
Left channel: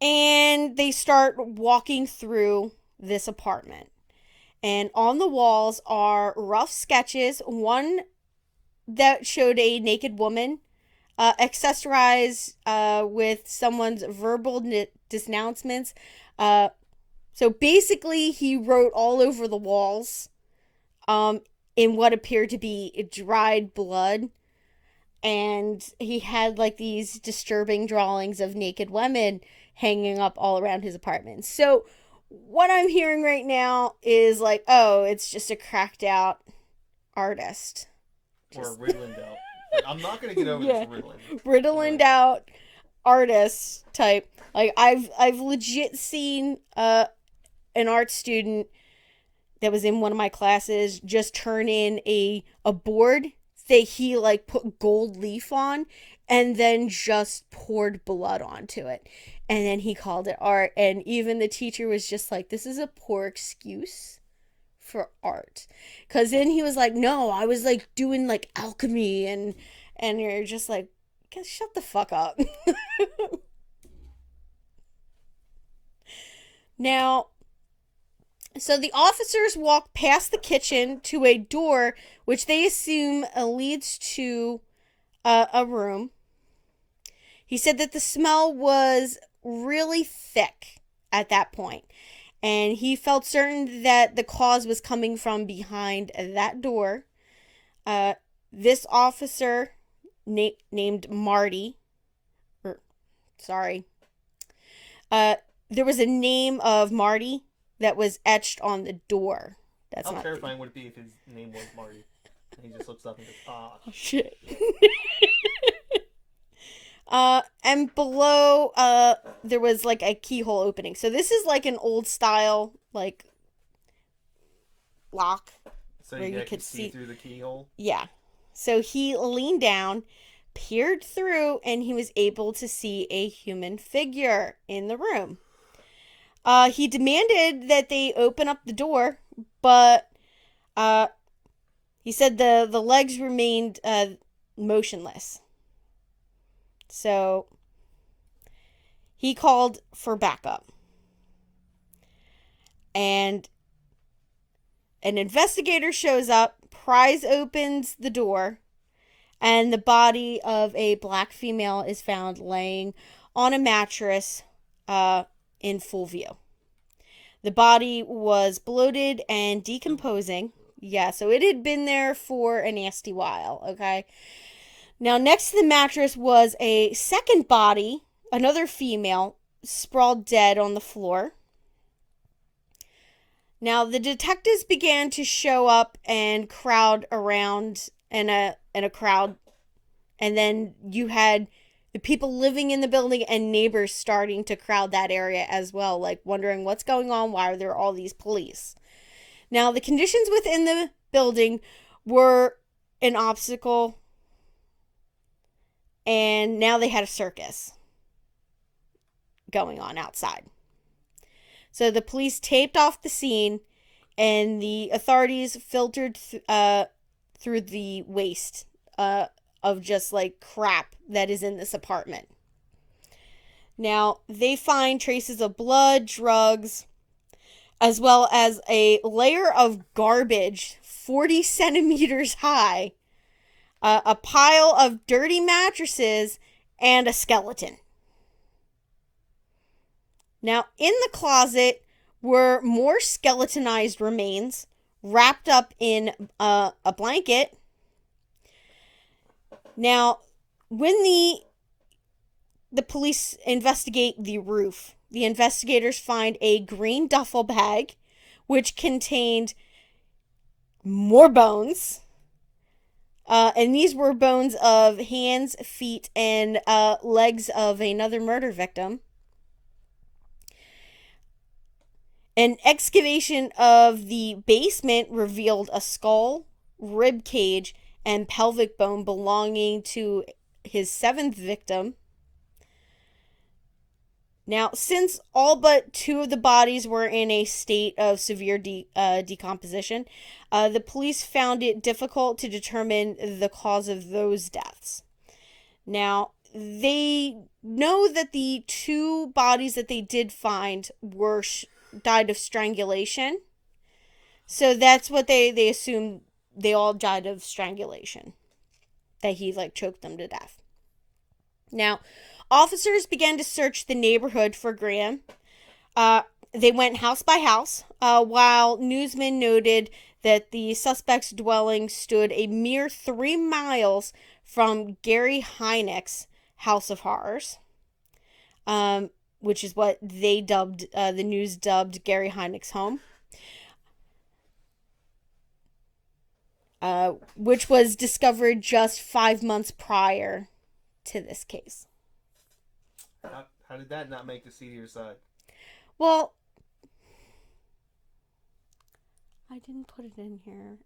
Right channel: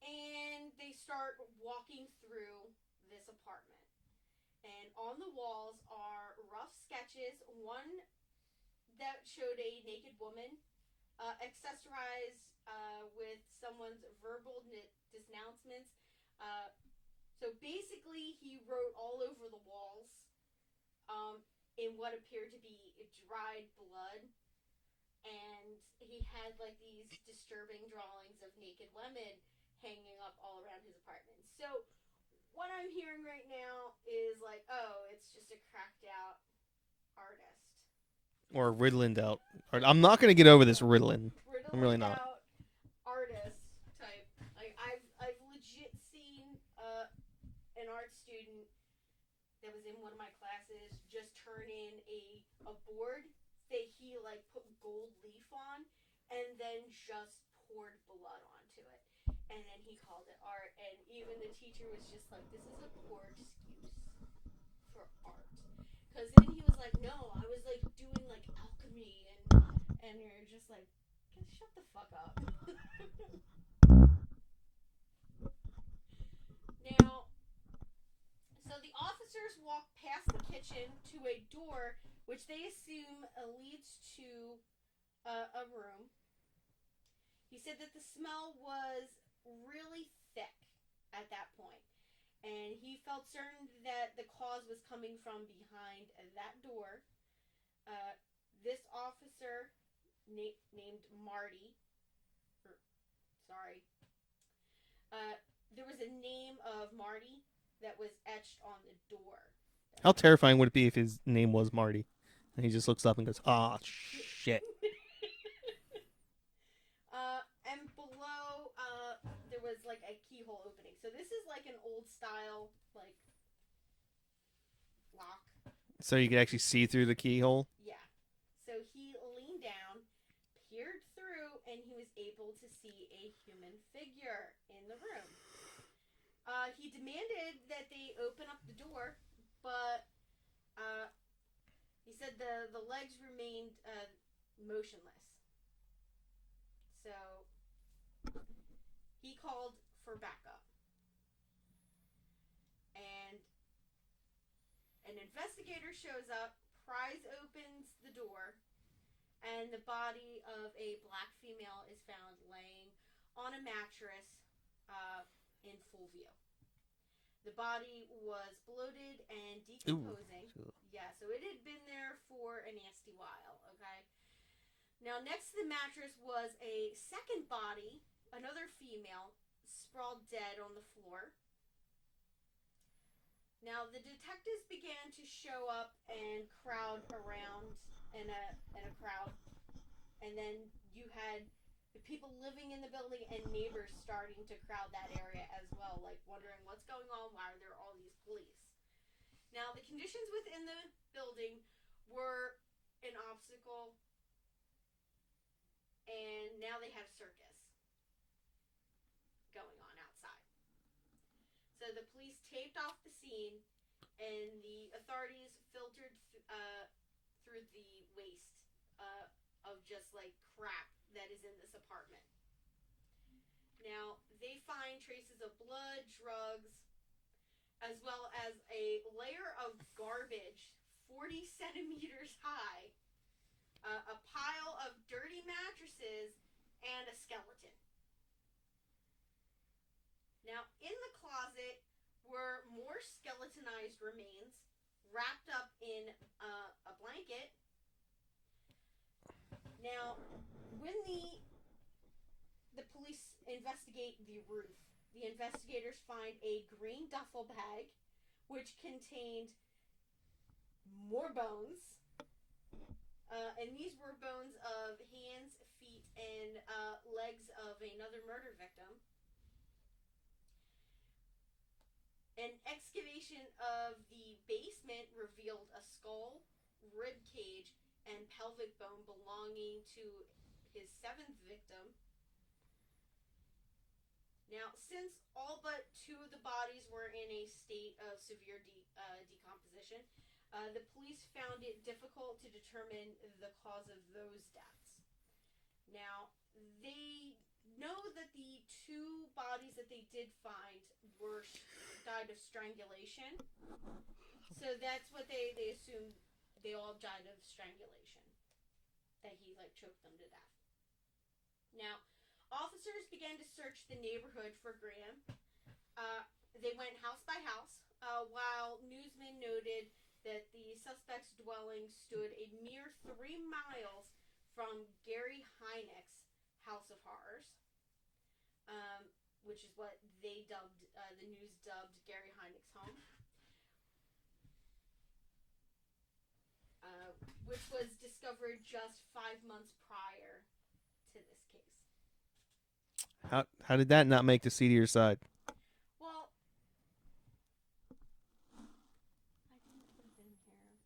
And they start walking through this apartment. And on the walls are rough sketches, one that showed a naked woman, accessorized with someone's verbal denouncements. So basically, he wrote all over the walls in what appeared to be dried blood. And he had these disturbing drawings of naked women hanging up all around his apartment. So what I'm hearing right now is it's just a cracked out artist. Or riddled out. I'm not going to get over this Ritalin. Riddled out artist type. I've legit seen an art student that was in one of my classes just turn in a board that he put gold leaf on and then just poured blood onto it. And then he called it art. And even the teacher was just like, this is a poor excuse for art. Because then he was like, no, I was doing alchemy. And you're just like, shut the fuck up. Now, so the officers walk past the kitchen to a door, which they assume leads to a room. He said that the smell was really thick at that point, and he felt certain that the cause was coming from behind that door. This officer named Marty, or sorry, there was a name of Marty that was etched on the door. That's How not terrifying would it be if his name was Marty? And he just looks up and goes, "Ah, shit." And below, there was like a keyhole opening. So this is like an old style, like, lock. So you can actually see through the keyhole? Yeah. So he leaned down, peered through, and he was able to see a human figure in the room. He demanded that they open up the door, but he said the legs remained motionless. So he called for backup. And an investigator shows up, pries opens the door, and the body of a black female is found laying on a mattress in full view. The body was bloated and decomposing. Yeah, so it had been there for a nasty while, okay? Now, next to the mattress was a second body, another female, sprawled dead on the floor. Now, the detectives began to show up and crowd around in a crowd. And then you had the people living in the building and neighbors starting to crowd that area as well, like wondering what's going on, why are there all these police? Now, the conditions within the building were an obstacle, and now they had a circus going on outside. So the police taped off the scene, and the authorities filtered through the waste of just like crap that is in this apartment. Now, they find traces of blood, drugs, as well as a layer of garbage 40 centimeters high, a pile of dirty mattresses, and a skeleton. Now, in the closet were more skeletonized remains wrapped up in a blanket. Now, when the police investigate the roof, the investigators find a green duffel bag, which contained more bones. And these were bones of hands, feet, and legs of another murder victim. An excavation of the basement revealed a skull, rib cage, and pelvic bone belonging to his seventh victim. Now, since all but two of the bodies were in a state of severe decomposition, the police found it difficult to determine the cause of those deaths. Now, they know that the two bodies that they did find were died of strangulation. So that's what they assumed. They all died of strangulation. That he like choked them to death. Now, officers began to search the neighborhood for Graham. They went house by house, while newsmen noted that the suspect's dwelling stood a mere 3 miles from Gary Heineck's House of Horrors, which is what they dubbed, the news dubbed Gary Heineck's home, which was discovered just 5 months prior to this case. How did that not make the seedier side? Well, I didn't put it in here.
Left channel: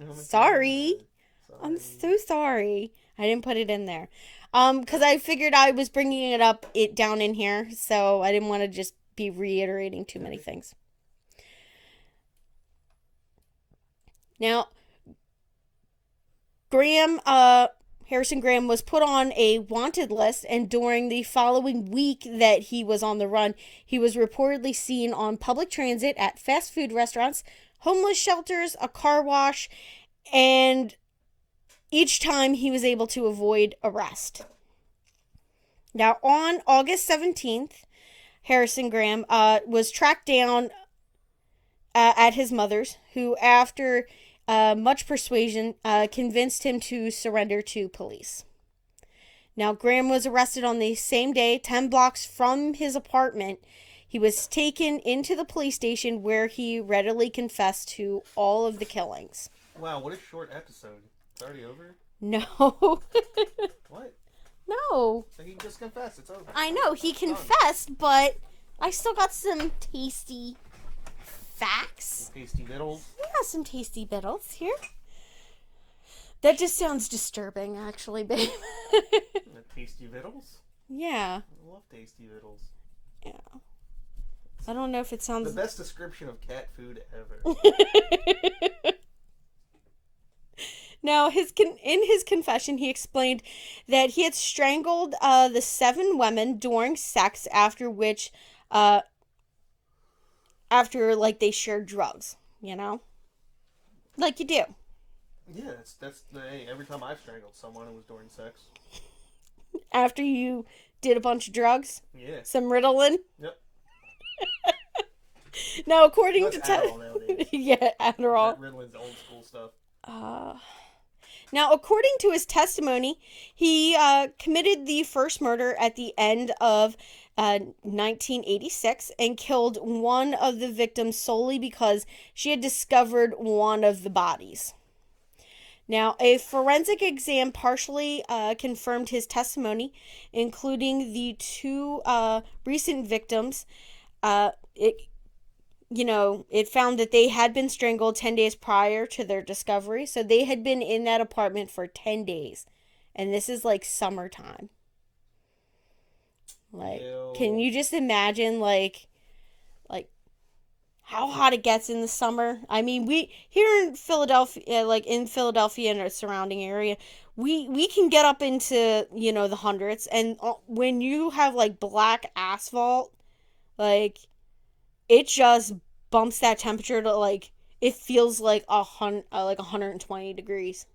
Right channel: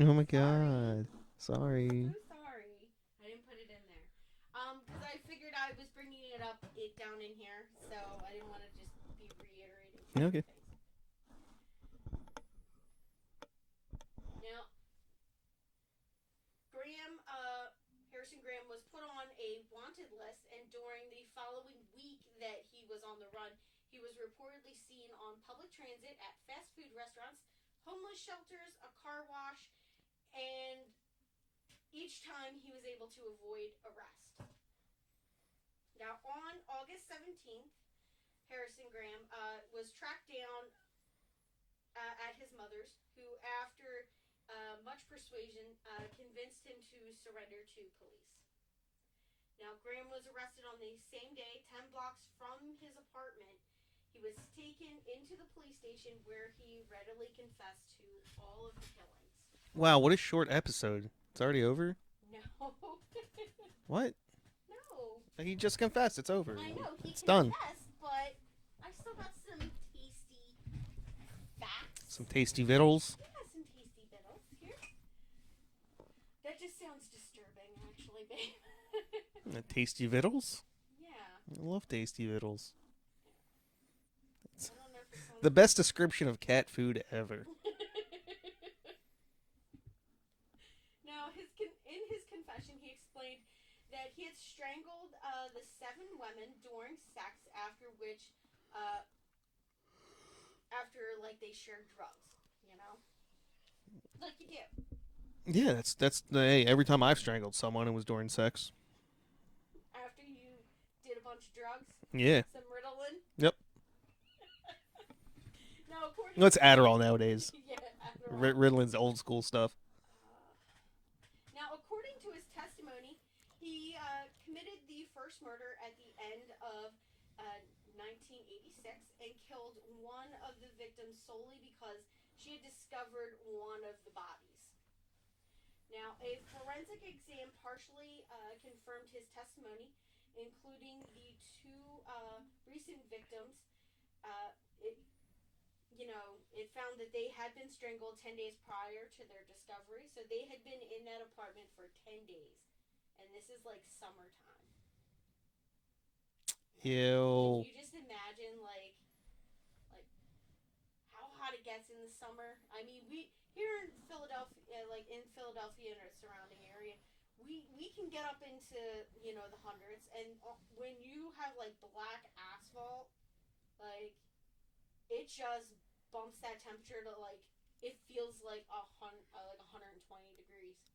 Oh my god. Sorry. Sorry. I'm so sorry. I didn't put it in there. Because I figured I was bringing it down in here, so I didn't want to just be reiterating too many things. Now, Harrison Graham was put on a wanted list, and during the following week that he was on the run, he was reportedly seen on public transit, at fast food restaurants, homeless shelters, a car wash, and each time he was able to avoid arrest. Now, on August 17th, Harrison Graham was tracked down at his mother's, who, after much persuasion, convinced him to surrender to police. Now, Graham was arrested on the same day, 10 blocks from his apartment. He was taken into the police station where he readily confessed to all of the killings. Wow, what a short episode. It's already over? No. What? No. He just confessed. It's over. I know, he It's done. confessed, but I still got some tasty facts. Tasty vittles. We got some tasty biddles here. That just sounds disturbing, actually, babe. Tasty vittles? Yeah. I love tasty vittles. Yeah. I don't know if it sounds... The best description of cat food ever. Now, in his confession, he explained that he had strangled the 7 women during sex, after which, they shared drugs, you know? Like you do. Yeah, hey, every time I've strangled someone, it was during sex. After you did a bunch of drugs? Yeah. Some Ritalin? Yep. Now, according That's to... Adderall nowadays. Yeah, Adderall. Ritalин's old school stuff. Now, according to his testimony, he committed the first murder at the end of 1986 and killed one of the victims solely because she had discovered one of the bodies. Now, a forensic exam partially confirmed his testimony, including the 2 recent victims. It found that they had been strangled 10 days prior to their discovery. So they had been in that apartment for 10 days. And this is like summertime. Like, Ew. can you just imagine like how hot it gets in the summer? I mean, we here in Philadelphia, and our surrounding area, we can get up into, the hundreds. And when you have like black asphalt, like, it just bumps that temperature to like, it feels like 120 degrees.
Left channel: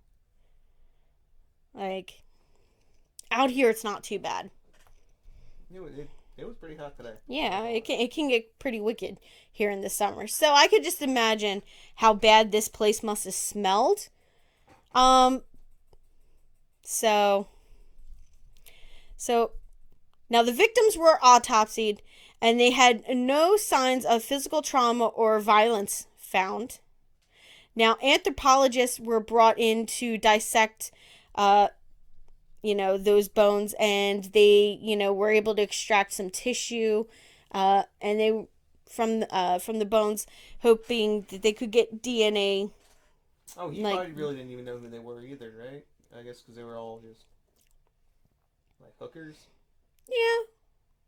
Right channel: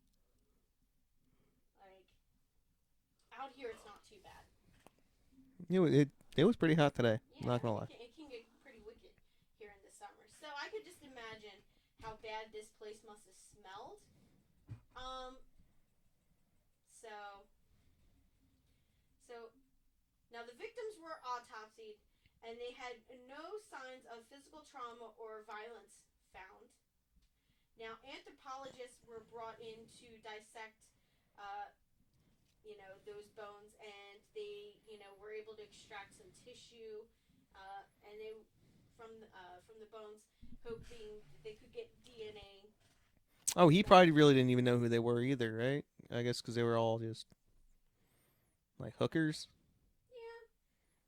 Like, out here it's not too bad. It was pretty hot today. Yeah, it can get pretty wicked here in the summer. So I could just imagine how bad this place must have smelled. So now the victims were autopsied, and they had no signs of physical trauma or violence found. Now, anthropologists were brought in to dissect, those bones, and they, were able to extract some tissue, and they from the bones, hoping that they could get DNA. Oh, he probably really didn't even know who they were either, right? I guess because they were all just like hookers. Yeah.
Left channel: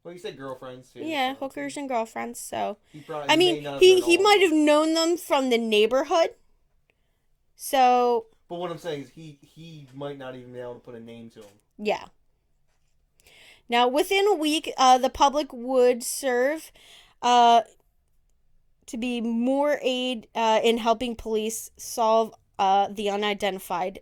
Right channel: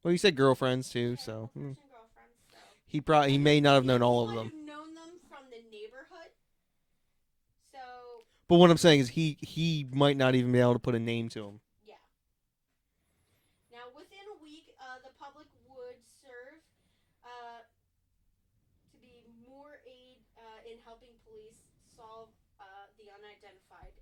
Well, you said girlfriends too. Yeah, so hookers and girlfriends. So he may not have known all he of might them. have known them from the neighborhood. So. But what I'm saying is he might not even be able to put a name to him. Yeah. Now, within a week, the public would serve to be more aid in helping police solve the unidentified.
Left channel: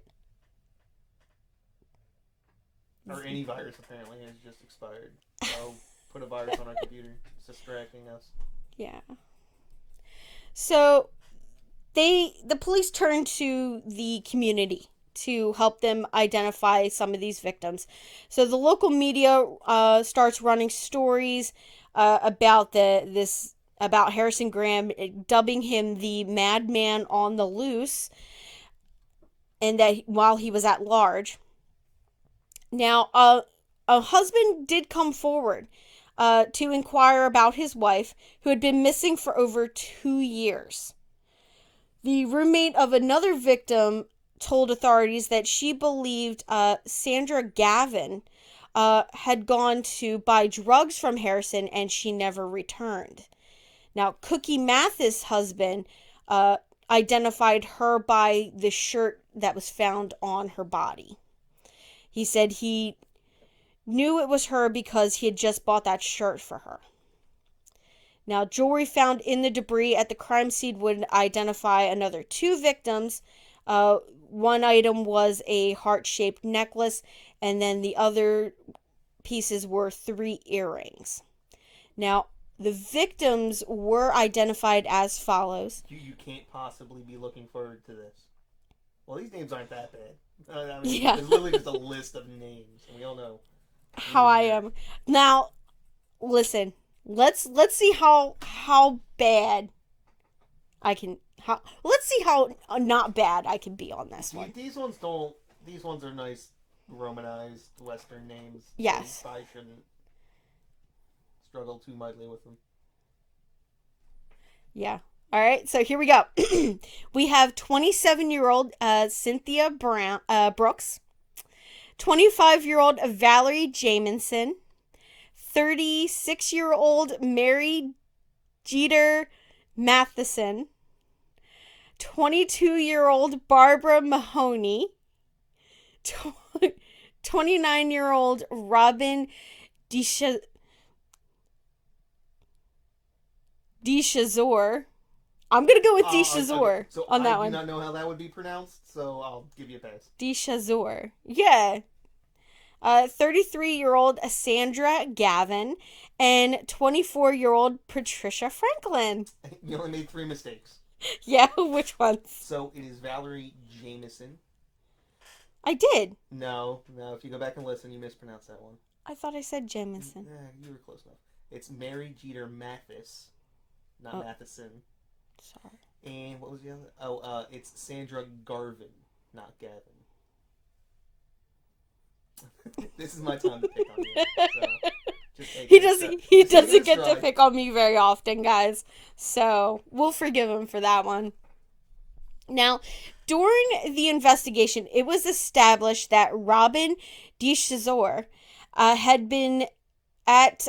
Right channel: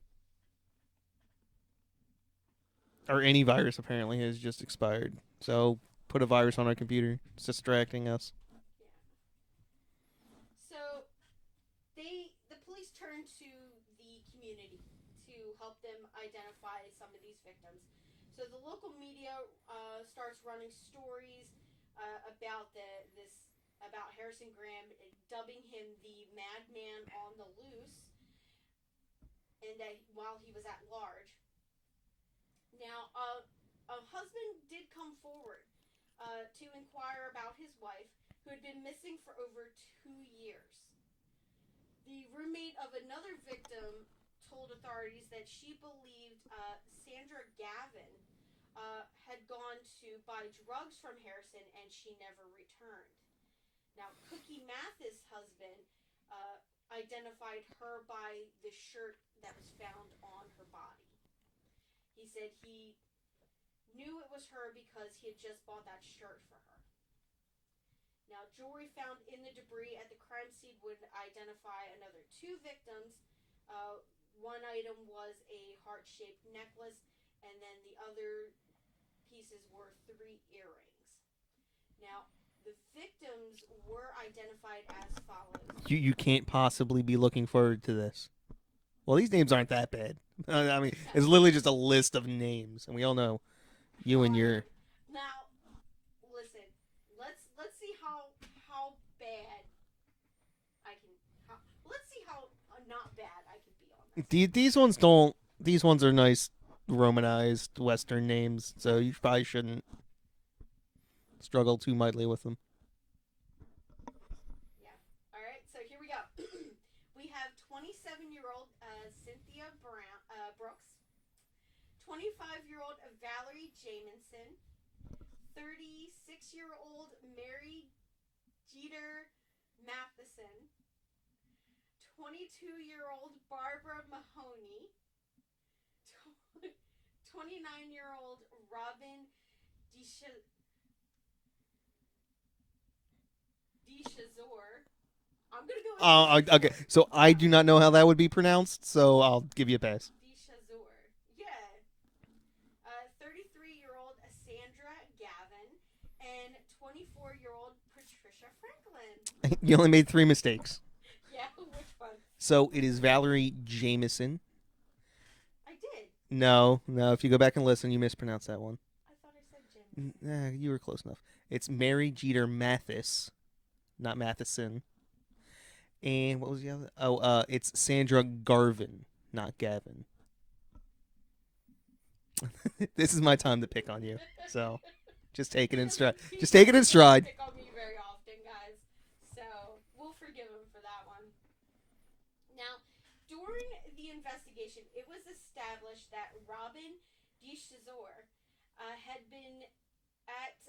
Or any virus apparently has just expired. So put a virus on our computer. It's distracting us. Yeah. So the police turned to the community to help them identify some of these victims. So the local media starts running stories about about Harrison Graham, dubbing him the madman on the loose, and that while he was at large. Now, a husband did come forward to inquire about his wife, who had been missing for over 2 years. The roommate of another victim told authorities that she believed Sandra Gavin had gone to buy drugs from Harrison, and she never returned. Now, Cookie Mathis' husband identified her by the shirt that was found on her body. He said he knew it was her because he had just bought that shirt for her. Now, jewelry found in the debris at the crime scene would identify another 2 victims. One item was a heart-shaped necklace, and then the other pieces were 3 earrings. Now, the victims were identified as follows. You can't possibly be looking forward to this. Well, these names aren't that bad. I mean, Yeah. it's literally just a list of names, and we all know How I am. Now, listen. Let's see how bad I can. Let's see how not bad I can be on this one. These ones don't. These ones are nice Romanized Western names, so you Yes. probably shouldn't struggle too mightily with them. Yeah. All right. So here we go. We have 27-year-old Cynthia Brooks, 25-year-old Valerie Jamison, 36-year-old Mary Jeter Matheson, 22-year-old Barbara Mahoney, 29-year-old Robin DeShazor. I'm going to go with DeShazor. Okay. So I do not know how that would be pronounced, so I'll give you a pass. DeShazor. Yeah. 33-year-old Sandra Gavin and 24-year-old Patricia Franklin. You only made 3 mistakes. Yeah, which ones? So it is Valerie Jamison. I did. No. If you go back and listen, you mispronounced that one. I thought I said Jamison. You were close enough. It's Mary Jeter Mathis, not Matheson. Sorry. And what was the other? Oh, it's Sandra Garvin, not Gavin. This is my time to pick on you. So just take it in stride. He Just take it in doesn't get stride. to pick on me very often, guys. So we'll forgive him for that one. Now, during the investigation, it was established that Robin DeShazor had been at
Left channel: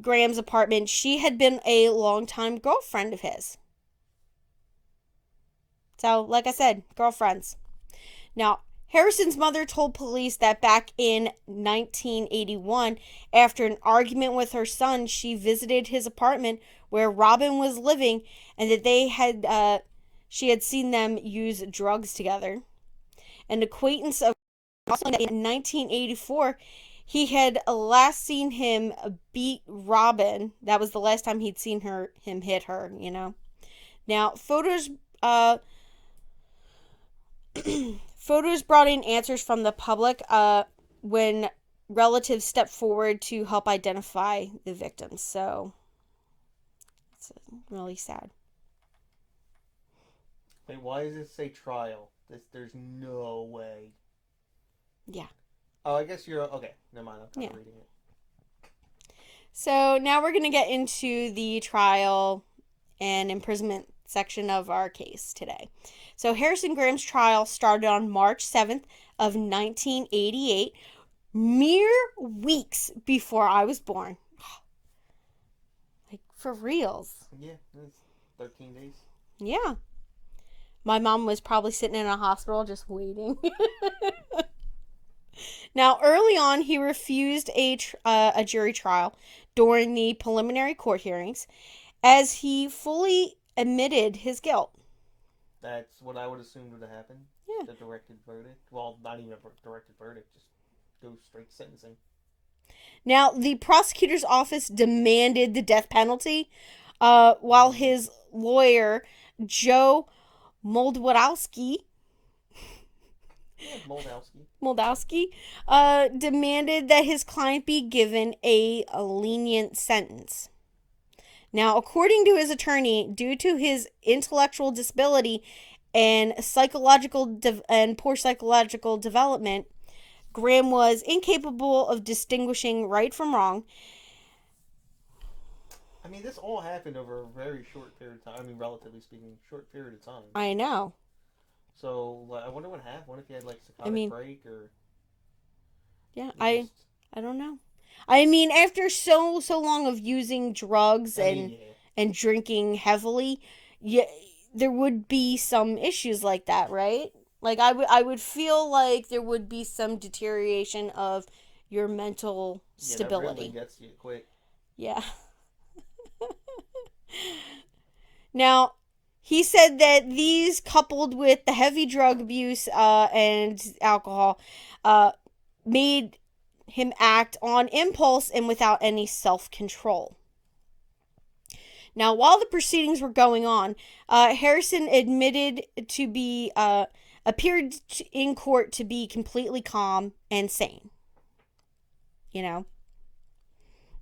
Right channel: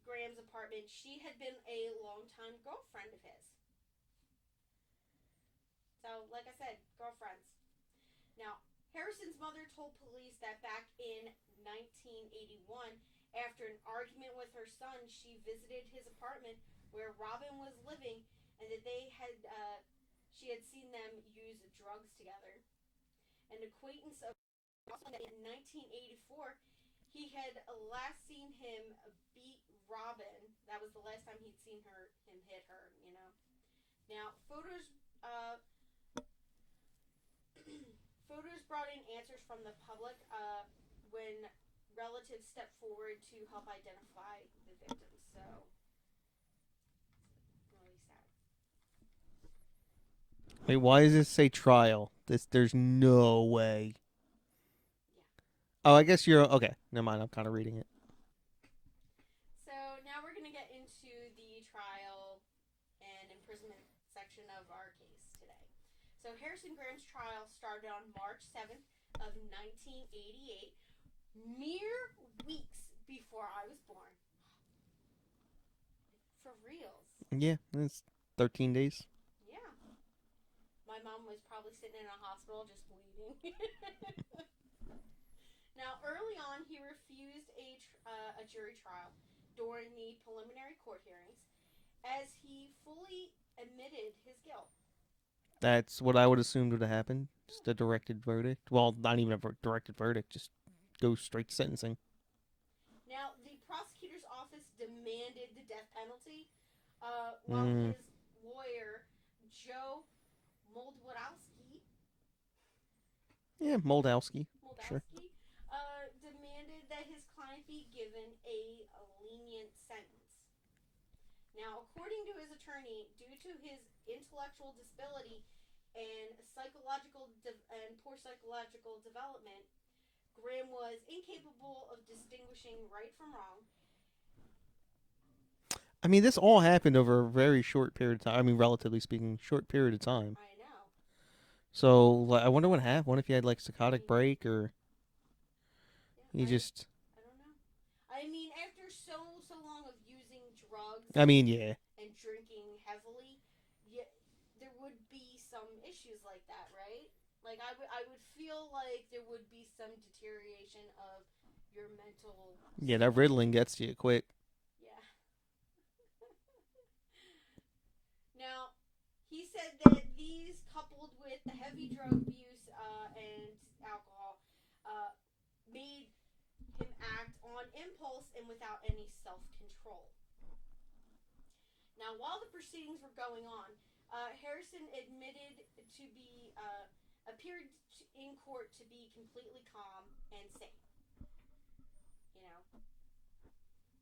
Graham's apartment. She had been a longtime girlfriend of his. So, like I said, girlfriends. Now, Harrison's mother told police that back in 1981, after an argument with her son, she visited his apartment where Robin was living, and that she had seen them use drugs together. An acquaintance of also in 1984, he had last seen him beat Robin. That was the last time he'd seen him hit her, you know. Now, photos brought in answers from the public when relatives stepped forward to help identify the victims. So it's really sad. Wait, why does it say trial? There's no way. Yeah. Oh, I guess you're okay. Never mind. I'm kind of reading it. So now we're going to get into the trial and imprisonment section of our case today. So Harrison Graham's trial started on March 7th of 1988, mere weeks before I was born. Like, for reals. Yeah, it's 13 days. Yeah. My mom was probably sitting in a hospital just waiting. Now, early on, he refused a jury trial during the preliminary court hearings, as he fully admitted his guilt. That's what I would assume would have happened. Yeah. Just a directed verdict. Well, not even a directed verdict. Just go straight to sentencing. Now, the prosecutor's office demanded the death penalty, while his lawyer, Joe Moldawski, Yeah, Moldowski. demanded that his client be given a lenient sentence. Now, according to his attorney, due to his intellectual disability and poor psychological development, Graham was incapable of distinguishing right from wrong. I mean, this all happened over a very short period of time. I mean, relatively speaking, short period of time. I know. So, like, I wonder what happened. What if he had, like, psychotic break or... Yeah, I don't know. I mean, after so long of using drugs and drinking heavily, there would be some issues like that, right? Like, I would feel like there would be some deterioration of your mental stability. Yeah, that Ritalin gets you quick. Yeah. Now, he said that these, coupled with the heavy drug abuse and alcohol, made him act on impulse and without any self-control. Now, while the proceedings were going on, Harrison admitted to be appeared in court to be completely calm and sane. You know.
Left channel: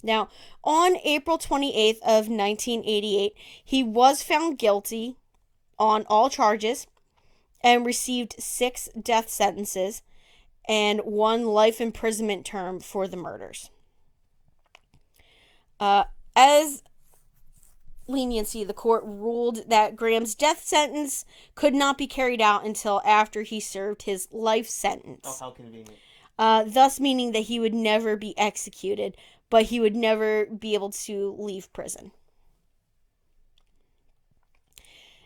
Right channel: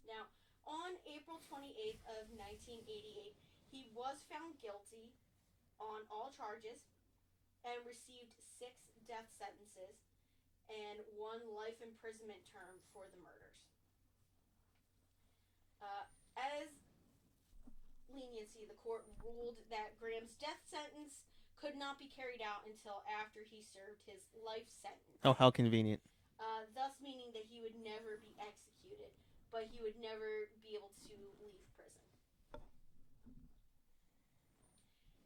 Now, on April 28th of 1988, he was found guilty on all charges and received 6 death sentences and 1 life imprisonment term for the murders. As leniency, the court ruled that Graham's death sentence could not be carried out until after he served his life sentence. Oh, how convenient. Thus meaning that he would never be executed, but he would never be able to leave prison.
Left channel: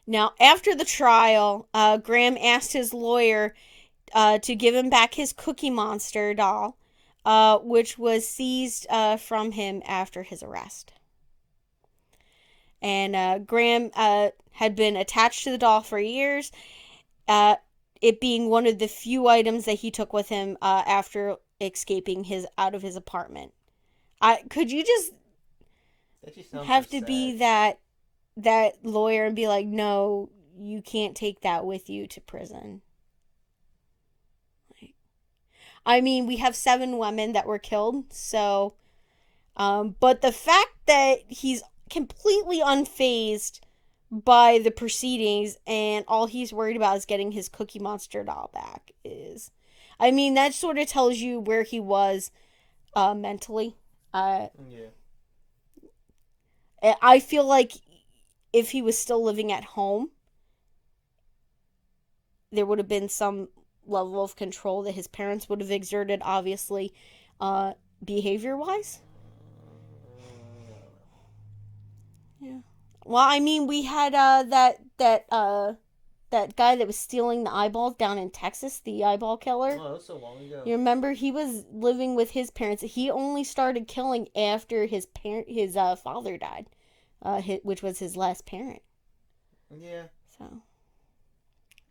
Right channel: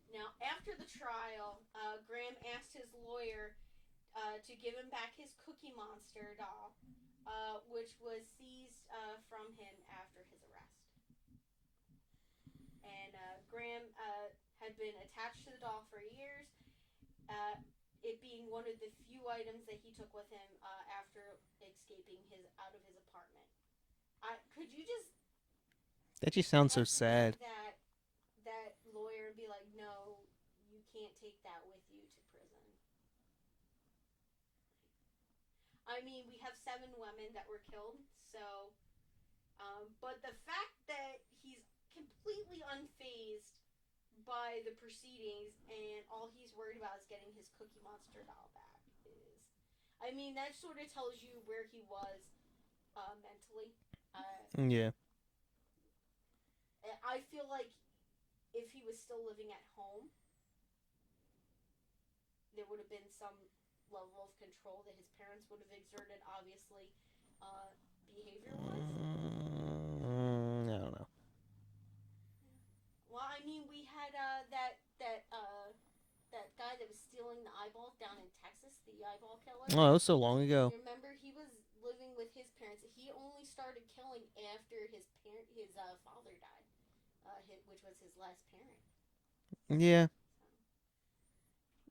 Now, after the trial, Graham asked his lawyer to give him back his Cookie Monster doll, which was seized from him after his arrest. And Graham had been attached to the doll for years, it being one of the few items that he took with him after escaping out of his apartment. Could you just That just sounds have so to sad. be that lawyer and be like, no, you can't take that with you to prison? I mean, we have 7 women that were killed, so but the fact that he's completely unfazed by the proceedings and all he's worried about is getting his Cookie Monster doll back is, I mean, that sort of tells you where he was mentally. Yeah. I feel like if he was still living at home, there would have been some level of control that his parents would have exerted, obviously, behavior-wise. I don't know. Yeah. Well, I mean, we had that guy that was stealing the eyeballs down in Texas, the eyeball killer. Oh, that was so long ago. You remember, he was living with his parents. He only started killing after his father died, which was his last parent. Yeah. So.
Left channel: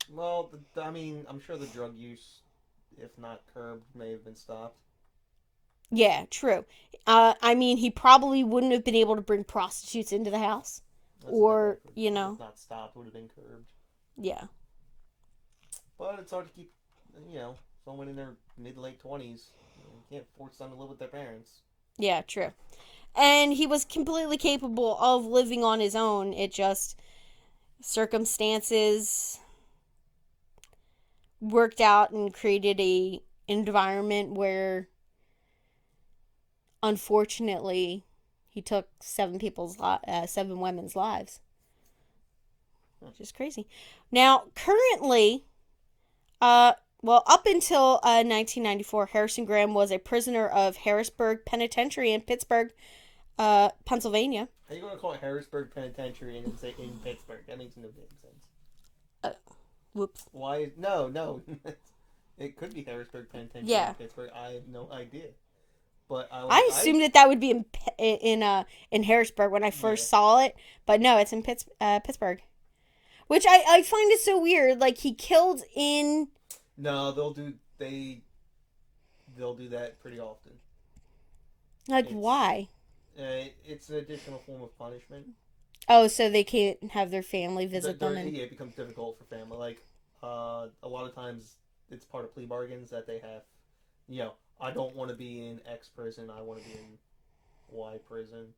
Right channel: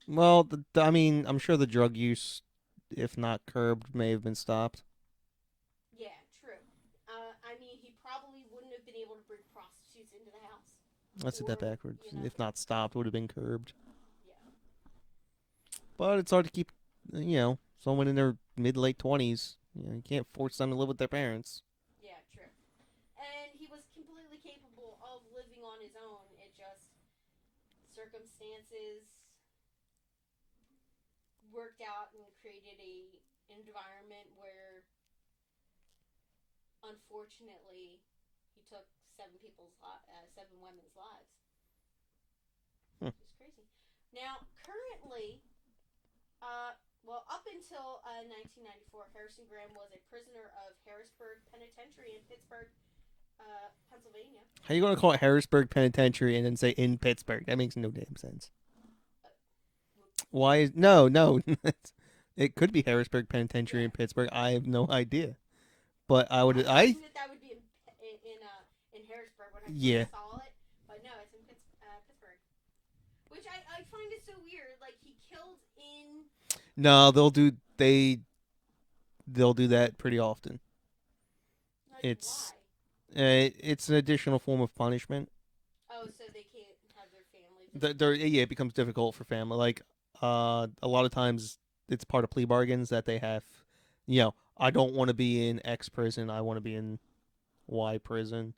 Well, I mean, I'm sure the drug use, if not curbed, may have been stopped. Yeah, true. I mean, he probably wouldn't have been able to bring prostitutes into the house. That's Or, a bit backward. you know. If not stopped, it would have been curbed. Yeah. But it's hard to keep, someone in their mid-late 20s. You can't force them to live with their parents. Yeah, true. And he was completely capable of living on his own. It just, circumstances worked out and created a environment where, unfortunately, he took 7 women's lives. Which is crazy. Now, currently, up until 1994, Harrison Graham was a prisoner of Harrisburg Penitentiary in Pittsburgh, Pennsylvania. How are you going to call it Harrisburg Penitentiary and then say in Pittsburgh? That makes no damn sense. Whoops. Why? No. It could be Harrisburg Penitentiary Yeah. in Pittsburgh. I have no idea. But I assumed that would be in Harrisburg when I first saw it, but no, it's in Pittsburgh. Which I find it so weird. Like, he killed in. No, they'll do that pretty often. Like, why? It's an additional form of punishment. Oh, so they can't have their family visit them. Yeah, it becomes difficult for family. Like, a lot of times it's part of plea bargains that they have. I don't want to be in X prison. I want to be in Y prison,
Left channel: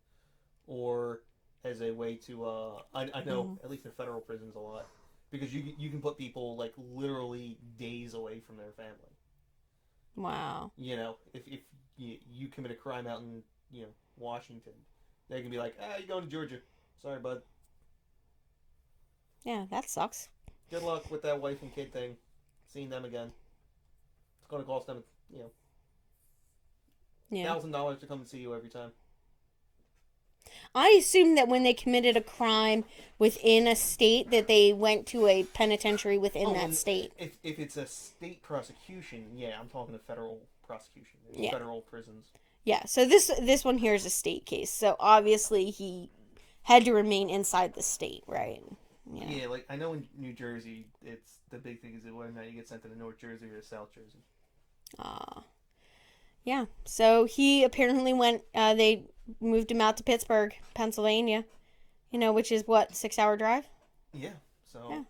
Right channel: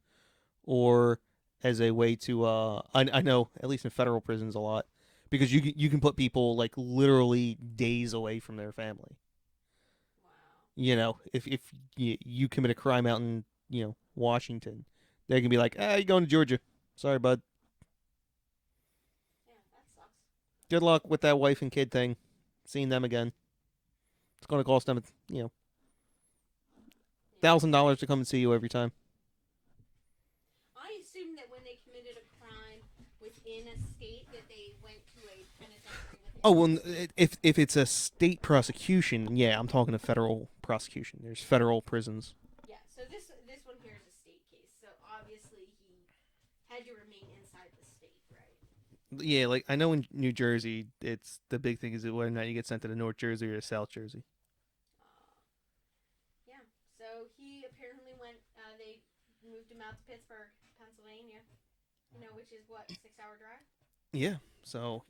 or as a way to. I know at least in federal prisons a lot, because you can put people like literally days away from their family. Wow. If you commit a crime out in Washington, they can be like, you're going to Georgia. Sorry, bud. Yeah, that sucks. Good luck with that wife and kid thing. Seeing them again. It's going to cost them, $1,000 to come and see you every time. I assume that when they committed a crime within a state, that they went to a penitentiary within that state. If it's a state prosecution, yeah, I'm talking a federal prosecution. There's federal prisons. Yeah, so this one here is a state case. So obviously he had to remain inside the state, right? Yeah, like I know in New Jersey, it's the big thing is whether or not you get sent to the North Jersey or the South Jersey. Yeah. So he apparently went. They moved him out to Pittsburgh, Pennsylvania. Which is what, 6-hour drive. Yeah. So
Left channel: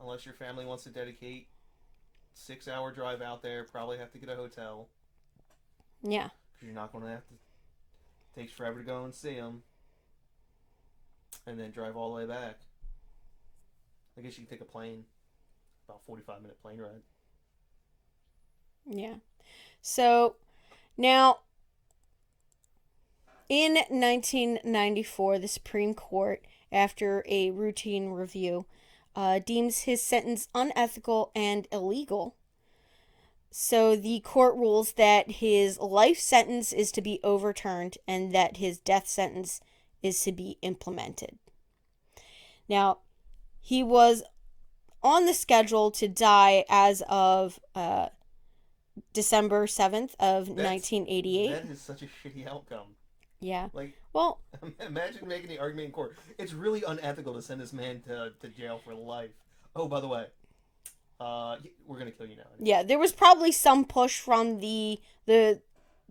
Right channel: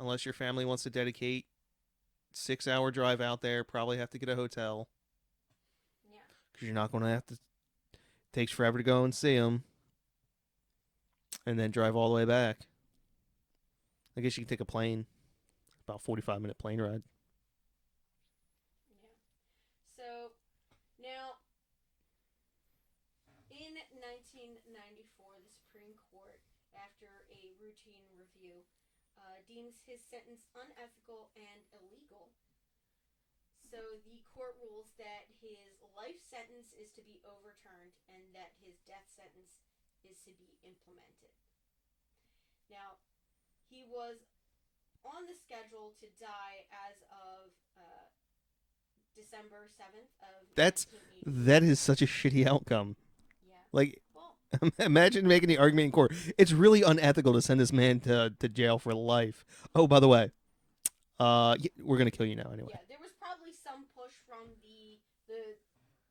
unless your family wants to dedicate 6-hour drive out there, probably have to get a hotel. Yeah. Because you're not going to have to. Takes forever to go and see them, and then drive all the way back. I guess you can take a plane, about 45-minute plane ride. Yeah. So now, in 1994, the Supreme Court, after a routine review, deems his sentence unethical and illegal. So the court rules that his life sentence is to be overturned and that his death sentence is to be implemented. Now, he was on the schedule to die as of December 7th of 1988. That is such a shitty outcome. Yeah. Like, well, imagine making the argument in court. It's really unethical to send this man to jail for life. Oh, by the way, we're gonna kill you now. Anyway. Yeah, there was probably some push from the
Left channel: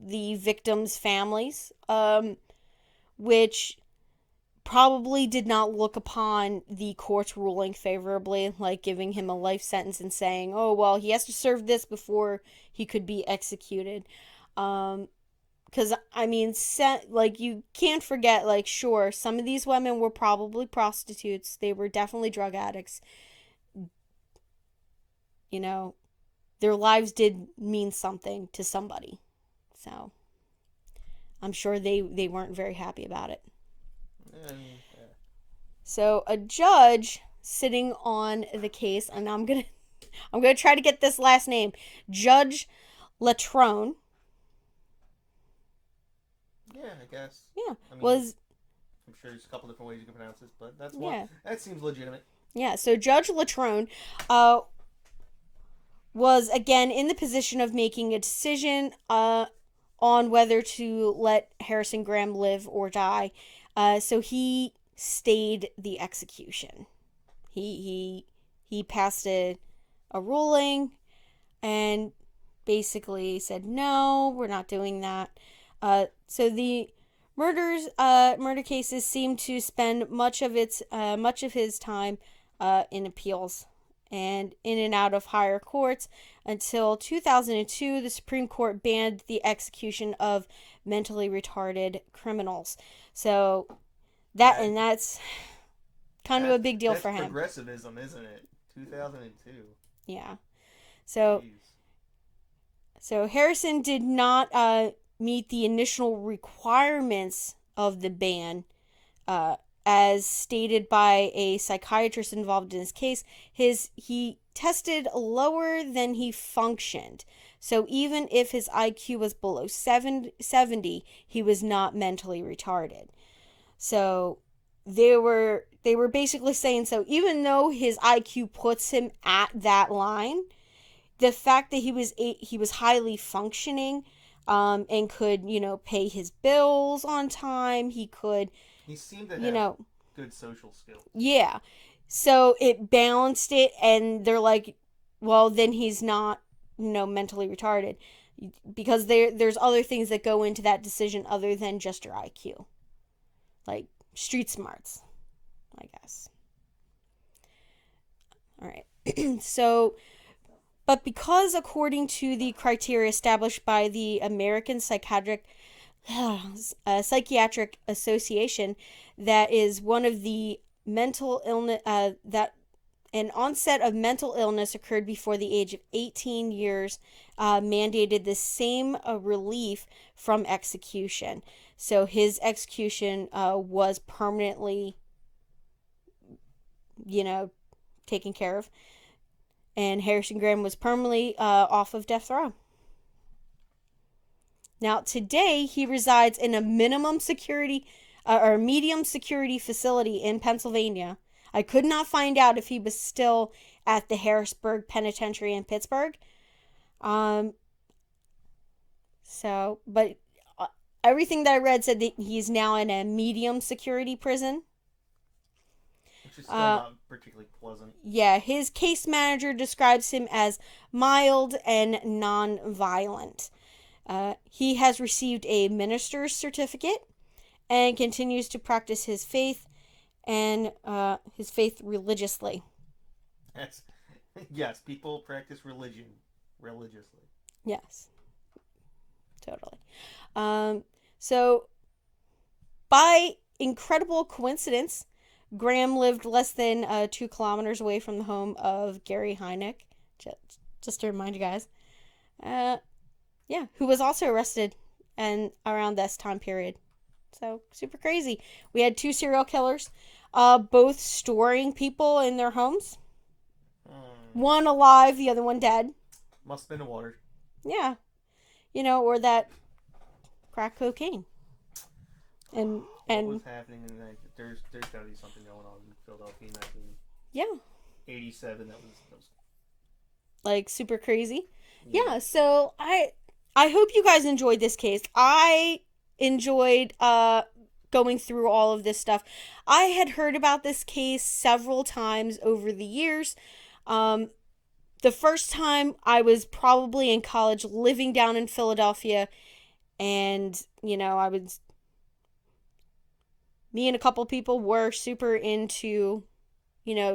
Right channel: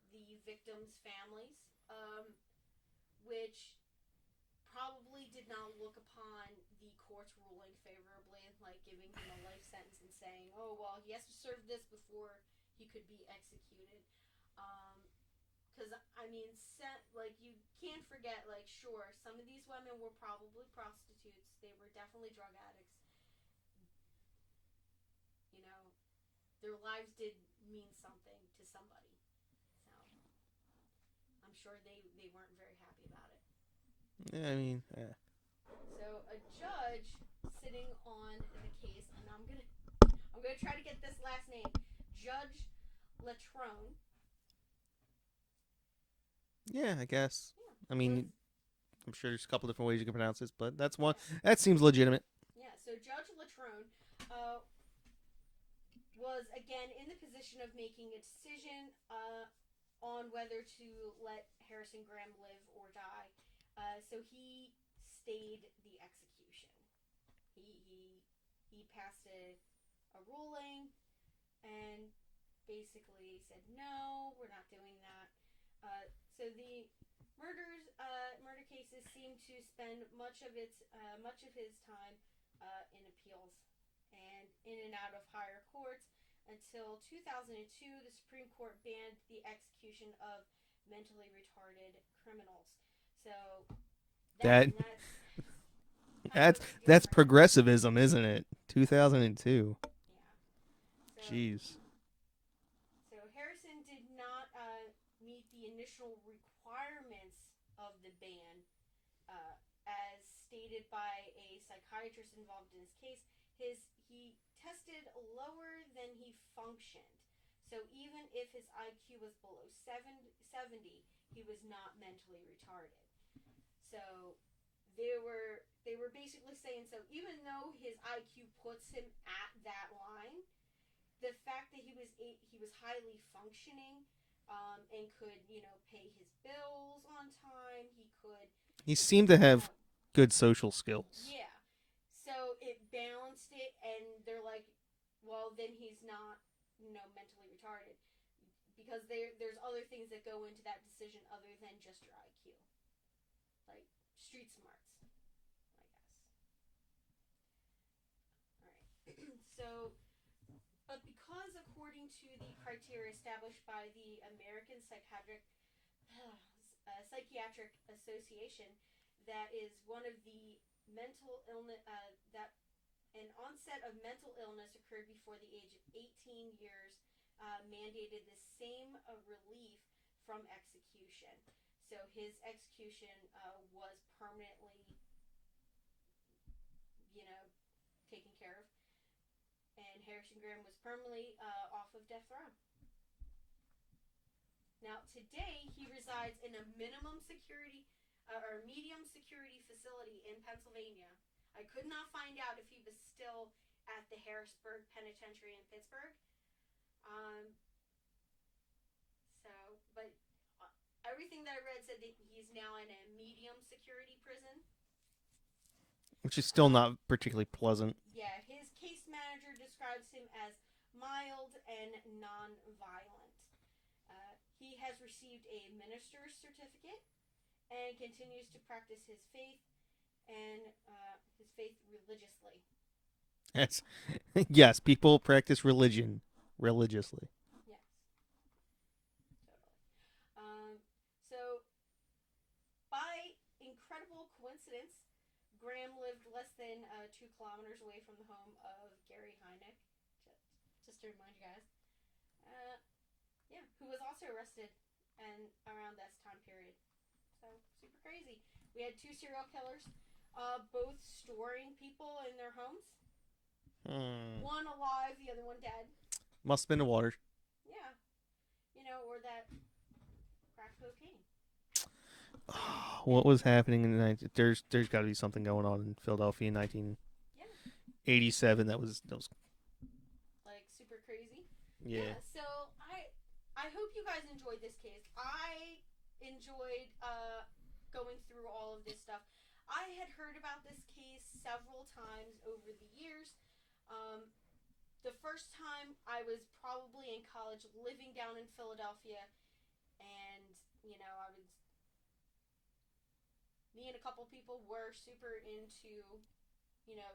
victims' families, which probably did not look upon the court's ruling favorably, like giving him a life sentence and saying, "Oh well, he has to serve this before he could be executed." Because I mean, you can't forget, sure, some of these women were probably prostitutes. They were definitely drug addicts. Their lives did mean something to somebody. So, I'm sure they weren't very happy about it. Yeah. So, a judge sitting on the case, and I'm gonna try to get this last name, Judge Latrone. Yeah, I guess. Yeah. I mean, I'm sure there's a couple different ways you can pronounce this, but that's one. Yeah. That seems legitimate. Yeah, so Judge Latrone was again in the position of making a decision on whether to let Harrison Graham live or die. So he stayed the execution. He passed a ruling and basically said, no, we're not doing that. So the murder cases seem to spend much of his time in appeals and in and out of higher courts until 2002. The Supreme Court banned the execution of mentally retarded criminals. So that's kind of a big deal for him. That's progressivism, isn't it? 2002. Yeah. So Jeez. So Harrison did not meet the initial requirements of the ban, as stated by a psychiatrist involved in his case. He tested lower than he functioned. So even if his IQ was below 70, he was not mentally retarded. So they were basically saying, so even though his IQ puts him at that line, the fact that he was highly functioning, and could, pay his bills on time, He seemed to have good social skills. Yeah. So it balanced it, and they're like, well, then he's not, mentally retarded, because there's other things that go into that decision other than just your IQ. Like street smarts, I guess. All right. So, but because according to the criteria established by the American Psychiatric Association, that is one of the mental illness, that an onset of mental illness occurred before the age of 18 years, mandated the same relief from execution. So his execution was permanently, taken care of. And Harrison Graham was permanently off of death row. Now, today, he resides in a minimum security or medium security facility in Pennsylvania. I could not find out if he was still at the Harrisburg Penitentiary in Pittsburgh. But everything that I read said that he's now in a medium security prison. Which is still not particularly pleasant. Yeah, his case manager describes him as mild and non-violent. He has received a minister's certificate and continues to practice his faith and his faith religiously. Yes, yes. People practice religion religiously. Yes, totally. So, by incredible coincidence, Graham lived less than 2 kilometers away from the home of Gary Hynek. Just to remind you guys. Yeah, who was also arrested and around this time period. So, super crazy. We had 2 serial killers, both storing people in their homes. One alive, the other one dead. Must have been the water. Yeah. Or that crack cocaine. What was happening in the 19... There's got to be something going on in Philadelphia in 1987 that was like super crazy. Yeah, so I hope you guys enjoyed this case. I enjoyed going through all of this stuff. I had heard about this case several times over the years. The first time I was probably in college living down in Philadelphia, and me and a couple people were super into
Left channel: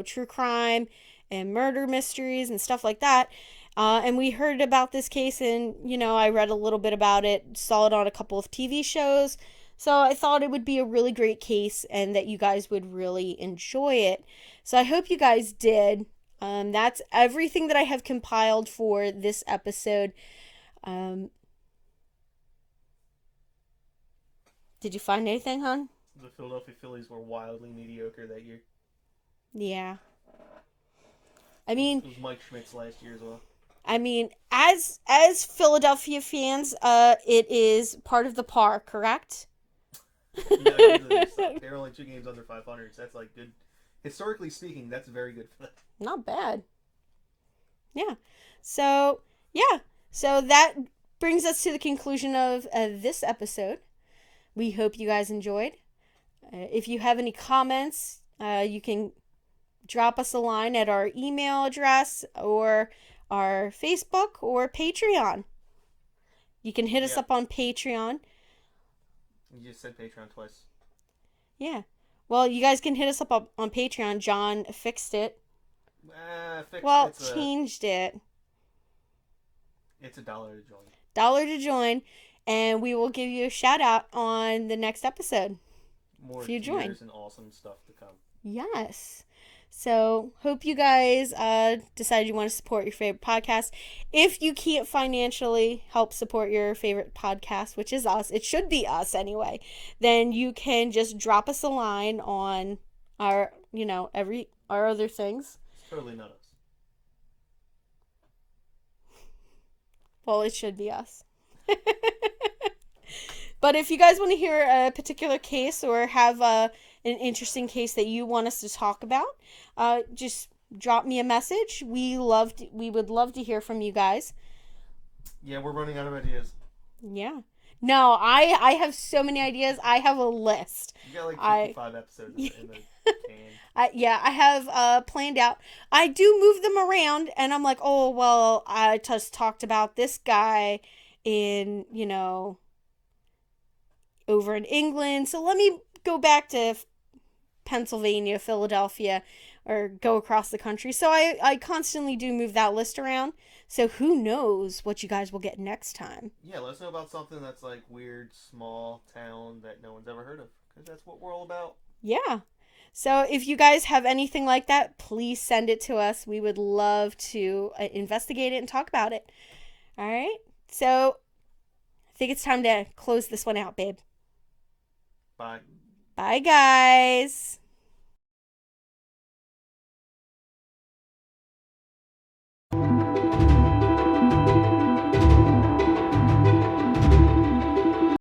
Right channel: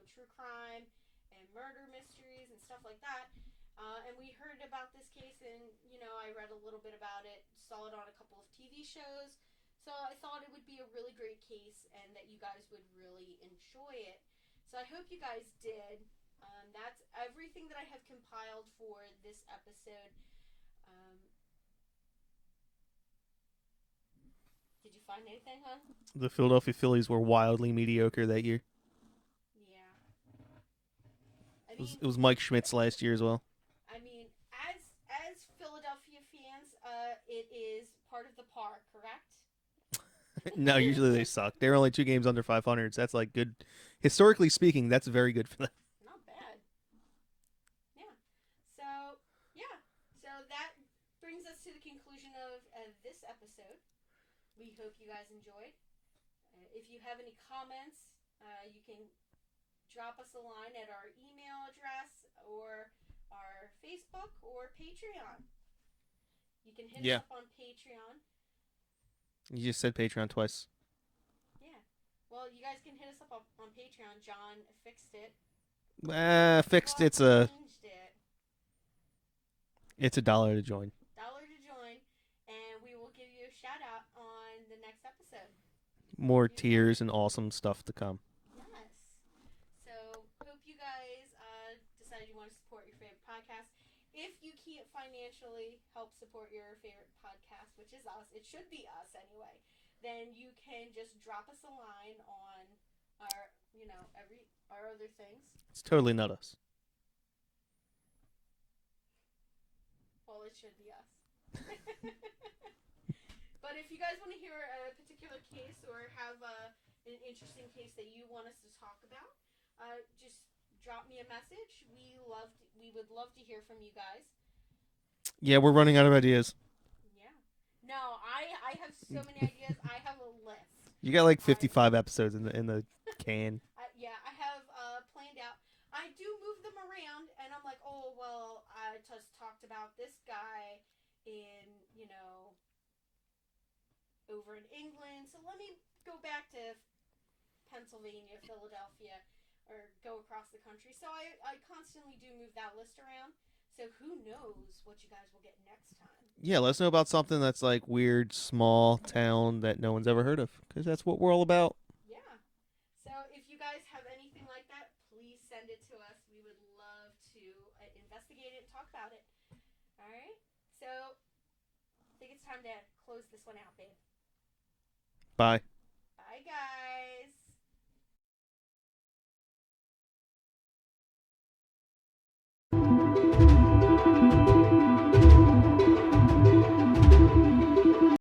true crime and murder mysteries and stuff like that. And we heard about this case, and I read a little bit about it, saw it on a couple of TV shows. So I thought it would be a really great case and that you guys would really enjoy it. So I hope you guys did. That's everything that I have compiled for this episode. Did you find anything, hon? The Philadelphia Phillies were wildly mediocre that year. Yeah. I mean, it was Mike Schmidt's last year as well. I mean, as Philadelphia fans, it is part of the par, correct? No, usually they suck. They're only 2 games under 500. So that's like good. Historically speaking, that's very good for them. Not bad. Yeah. So that brings us to the conclusion of this episode. We hope you guys enjoyed. If you have any comments, you can drop us a line at our email address or our Facebook or Patreon. You can hit us up on Patreon. You just said Patreon twice. Yeah. Well, you guys can hit us up on Patreon. John fixed it. Changed it. It's $1 to join. $1 to join, and we will give you a shout out on the next episode. More tiers and awesome stuff to come. Yes. So, hope you guys decide you want to support your favorite podcast. If you can't financially help support your favorite podcast, which is us, it should be us anyway, then you can just drop us a line on our, our other things. It's totally not us. Well, it should be us. But if you guys want to hear a particular case or have an interesting case that you want us to talk about, just drop me a message. We would love to hear from you guys. Yeah, we're running out of ideas. Yeah. No, I have so many ideas. I have a list. You got like 55 episodes in the can. I have planned out. I do move them around, and I'm like, oh, well, I just talked about this guy in, over in England. So let me go back to Pennsylvania, Philadelphia, or go across the country. So I constantly do move that list around. So who knows what you guys will get next time. Yeah, let us know about something that's like weird, small town that no one's ever heard of, because that's what we're all about. Yeah. So if you guys have anything like that, please send it to us. We would love to investigate it and talk about it. All right. So I think it's time to close this one out, babe. Bye. Bye, guys.